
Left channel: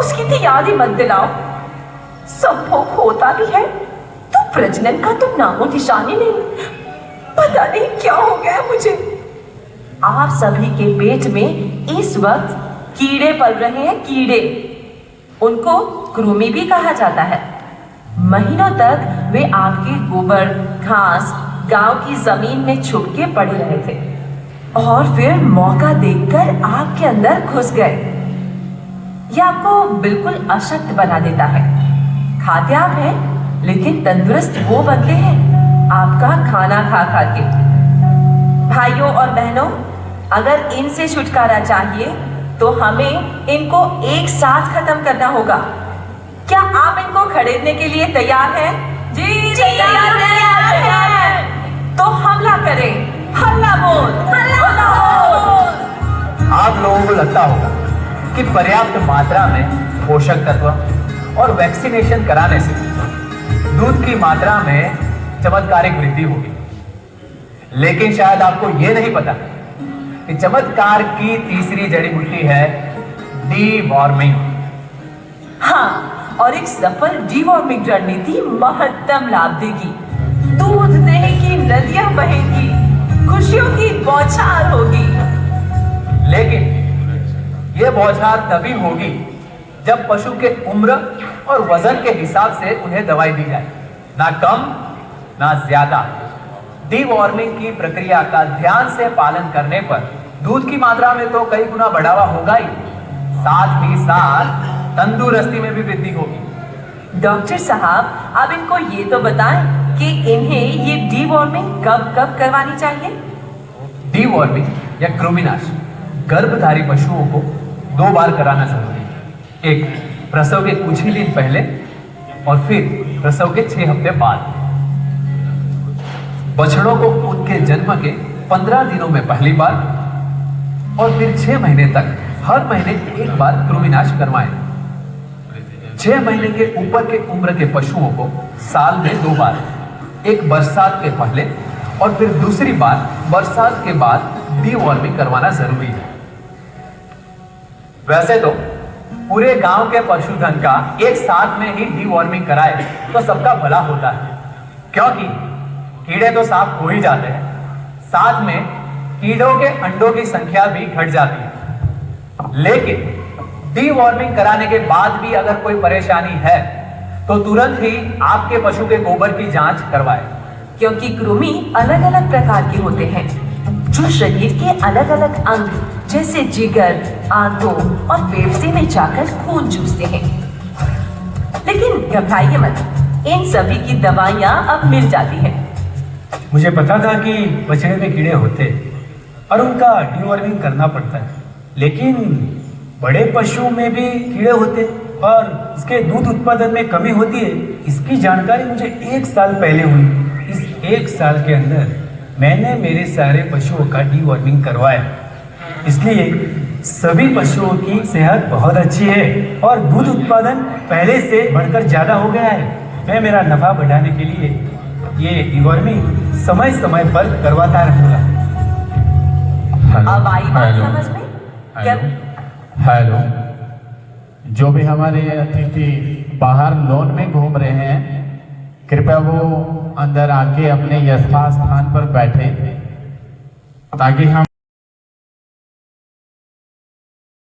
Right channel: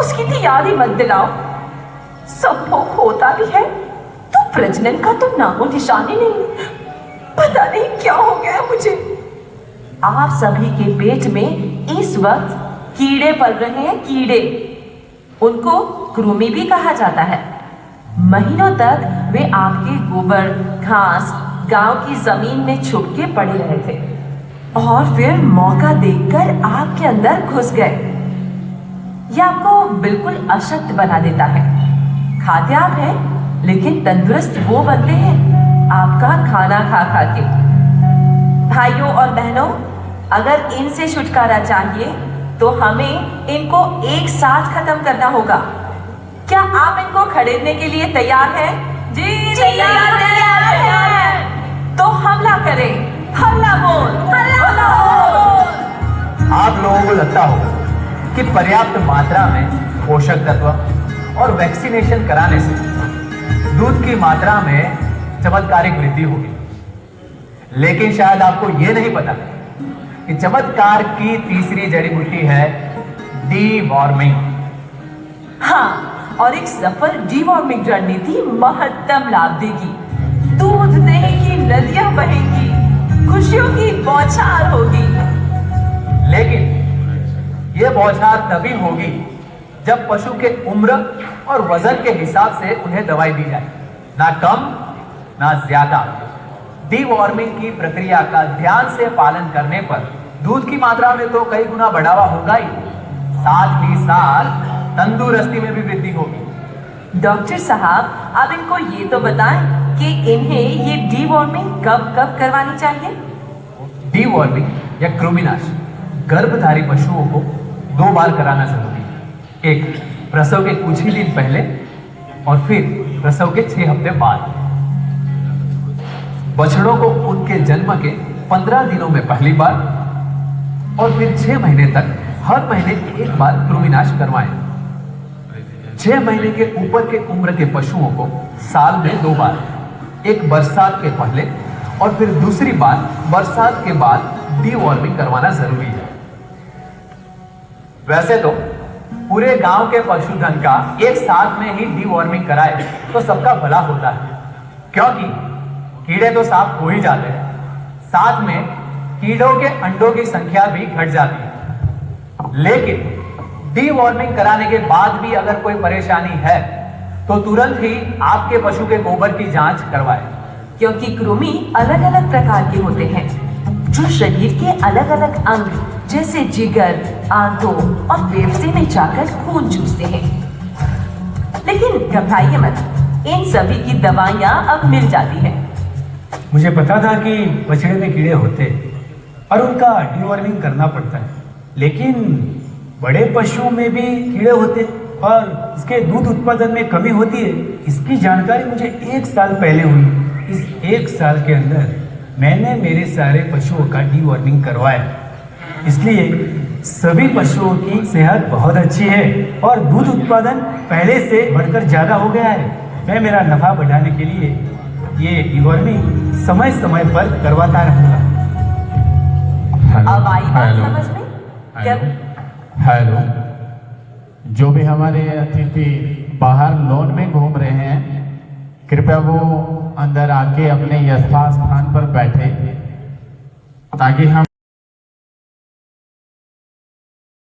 उसकी तो याद ही मत दिलाओ। संभोग होता भी है तो प्रजनन का तो नामो निशान ही नहीं। पता नहीं क्या हो गया है मुझे। आप सभी के पेट में इस वक्त कीड़े पल रहे हैं, कीड़े। उनको कृमि भी कहा जाता है। महीनों तक वे आपके गोबर, घास, गांव की जमीन में छुप के पड़े रहे थे और फिर मौका देखकर आपके अंदर घुस गए। यह आपको बिल्कुल अशक्त बना देता है। खाते आप हैं, लेकिन तंदुरुस्त वो बनते हैं आपका खाना खा खा के। भाइयों और बहनों, अगर इनसे छुटकारा चाहिए तो हमें इनको एक साथ खत्म करना होगा। क्या आप इनको खरीदने के लिए तैयार हैं? जी तैयार है। तो हमला करें। हल्ला बोल, हल्ला बोल। आप लोगों को लगता हो कि पर्याप्त मात्रा में पोषक तत्व और वैक्सीनेशन कराने से दूध की मात्रा में चमत्कारिक वृद्धि होगी, लेकिन शायद आपको यह नहीं पता कि चमत्कार की तीसरी जड़ी बूटी है डीवॉर्मिंग। हाँ, और एक सफल डीवॉर्मिंग रणनीति महत्तम लाभ देगी। दूध दही की नदियां बहेगी, खुशियों की बौछार होगी। लेकिन यह बौछार तभी होगी जब पशु के उम्र और वजन के हिसाब से उन्हें दवाई दी जाए, ना कम ना ज्यादा। डीवॉर्मिंग की प्रक्रिया का ध्यान से पालन करने पर दूध की मात्रा में तो कई गुना बढ़ावा होगा ही, साथ ही साथ तंदुरुस्ती में भी वृद्धि होगी। डॉक्टर साहब, आप इनको ये तो बताएं कि इन्हें ये डीवॉर्मिंग कब कब करवानी चाहिए? डीवॉर्मिंग या कृमिनाश गर्भधारी पशुओं को 2 बार कराना जरूरी है। एक प्रसव के कुछ ही दिन पहले और फिर प्रसव के 6 हफ्ते बाद। बछड़ों को उनके जन्म के 15 दिनों में पहली बार और फिर 6 महीने तक हर महीने 1 बार कृमिनाश करवाएं। 6 महीने के ऊपर के उम्र के पशुओं को साल में 2 बार, एक बरसात के पहले और फिर दूसरी बार बरसात के बाद डीवॉर्मिंग करवाना जरूरी है। वैसे तो पूरे गांव के पशुधन का एक साथ में ही डीवॉर्मिंग कराए तो सबका भला होता है, क्योंकि कीड़े तो साफ हो ही जाते हैं, साथ में कीड़ों के अंडों की संख्या भी घट जाती है। लेकिन डीवॉर्मिंग कराने के बाद भी अगर कोई परेशानी है तो तुरंत ही आपके पशु के गोबर की जांच करवाएं, क्योंकि कृमि अलग अलग प्रकार के होते हैं जो शरीर के अलग अलग अंग जैसे जिगर, आंतों और फेफड़े में जाकर खून चूसते हैं। लेकिन घबराइए मत, इन सभी की दवाइयां अब मिल जाती हैं। मुझे पता था कि बछड़े में कीड़े होते हैं और उनका डीवॉर्मिंग करना पड़ता है, लेकिन बड़े पशुओं में भी कीड़े होते हैं और इसके दूध उत्पादन में कमी होती है, इसकी जानकारी मुझे 1 साल पहले हुई। इस 1 साल के अंदर मैंने मेरे सारे पशुओं का डीवॉर्मिंग करवाया, इसलिए सभी पशुओं की सेहत बहुत अच्छी है और दूध उत्पादन पहले से बढ़कर ज्यादा हो गया है। मैं मेरा नफा बढ़ाने के लिए ये डीवॉर्मिंग समय समय पर करवाता रहूंगा। अब आई बात समझ में? हेलो, जो भी हमारे अतिथि बाहर लॉन में घूम रहे हैं, कृपया वो अंदर आके अपने यथास्थान पर बैठे ताकि हम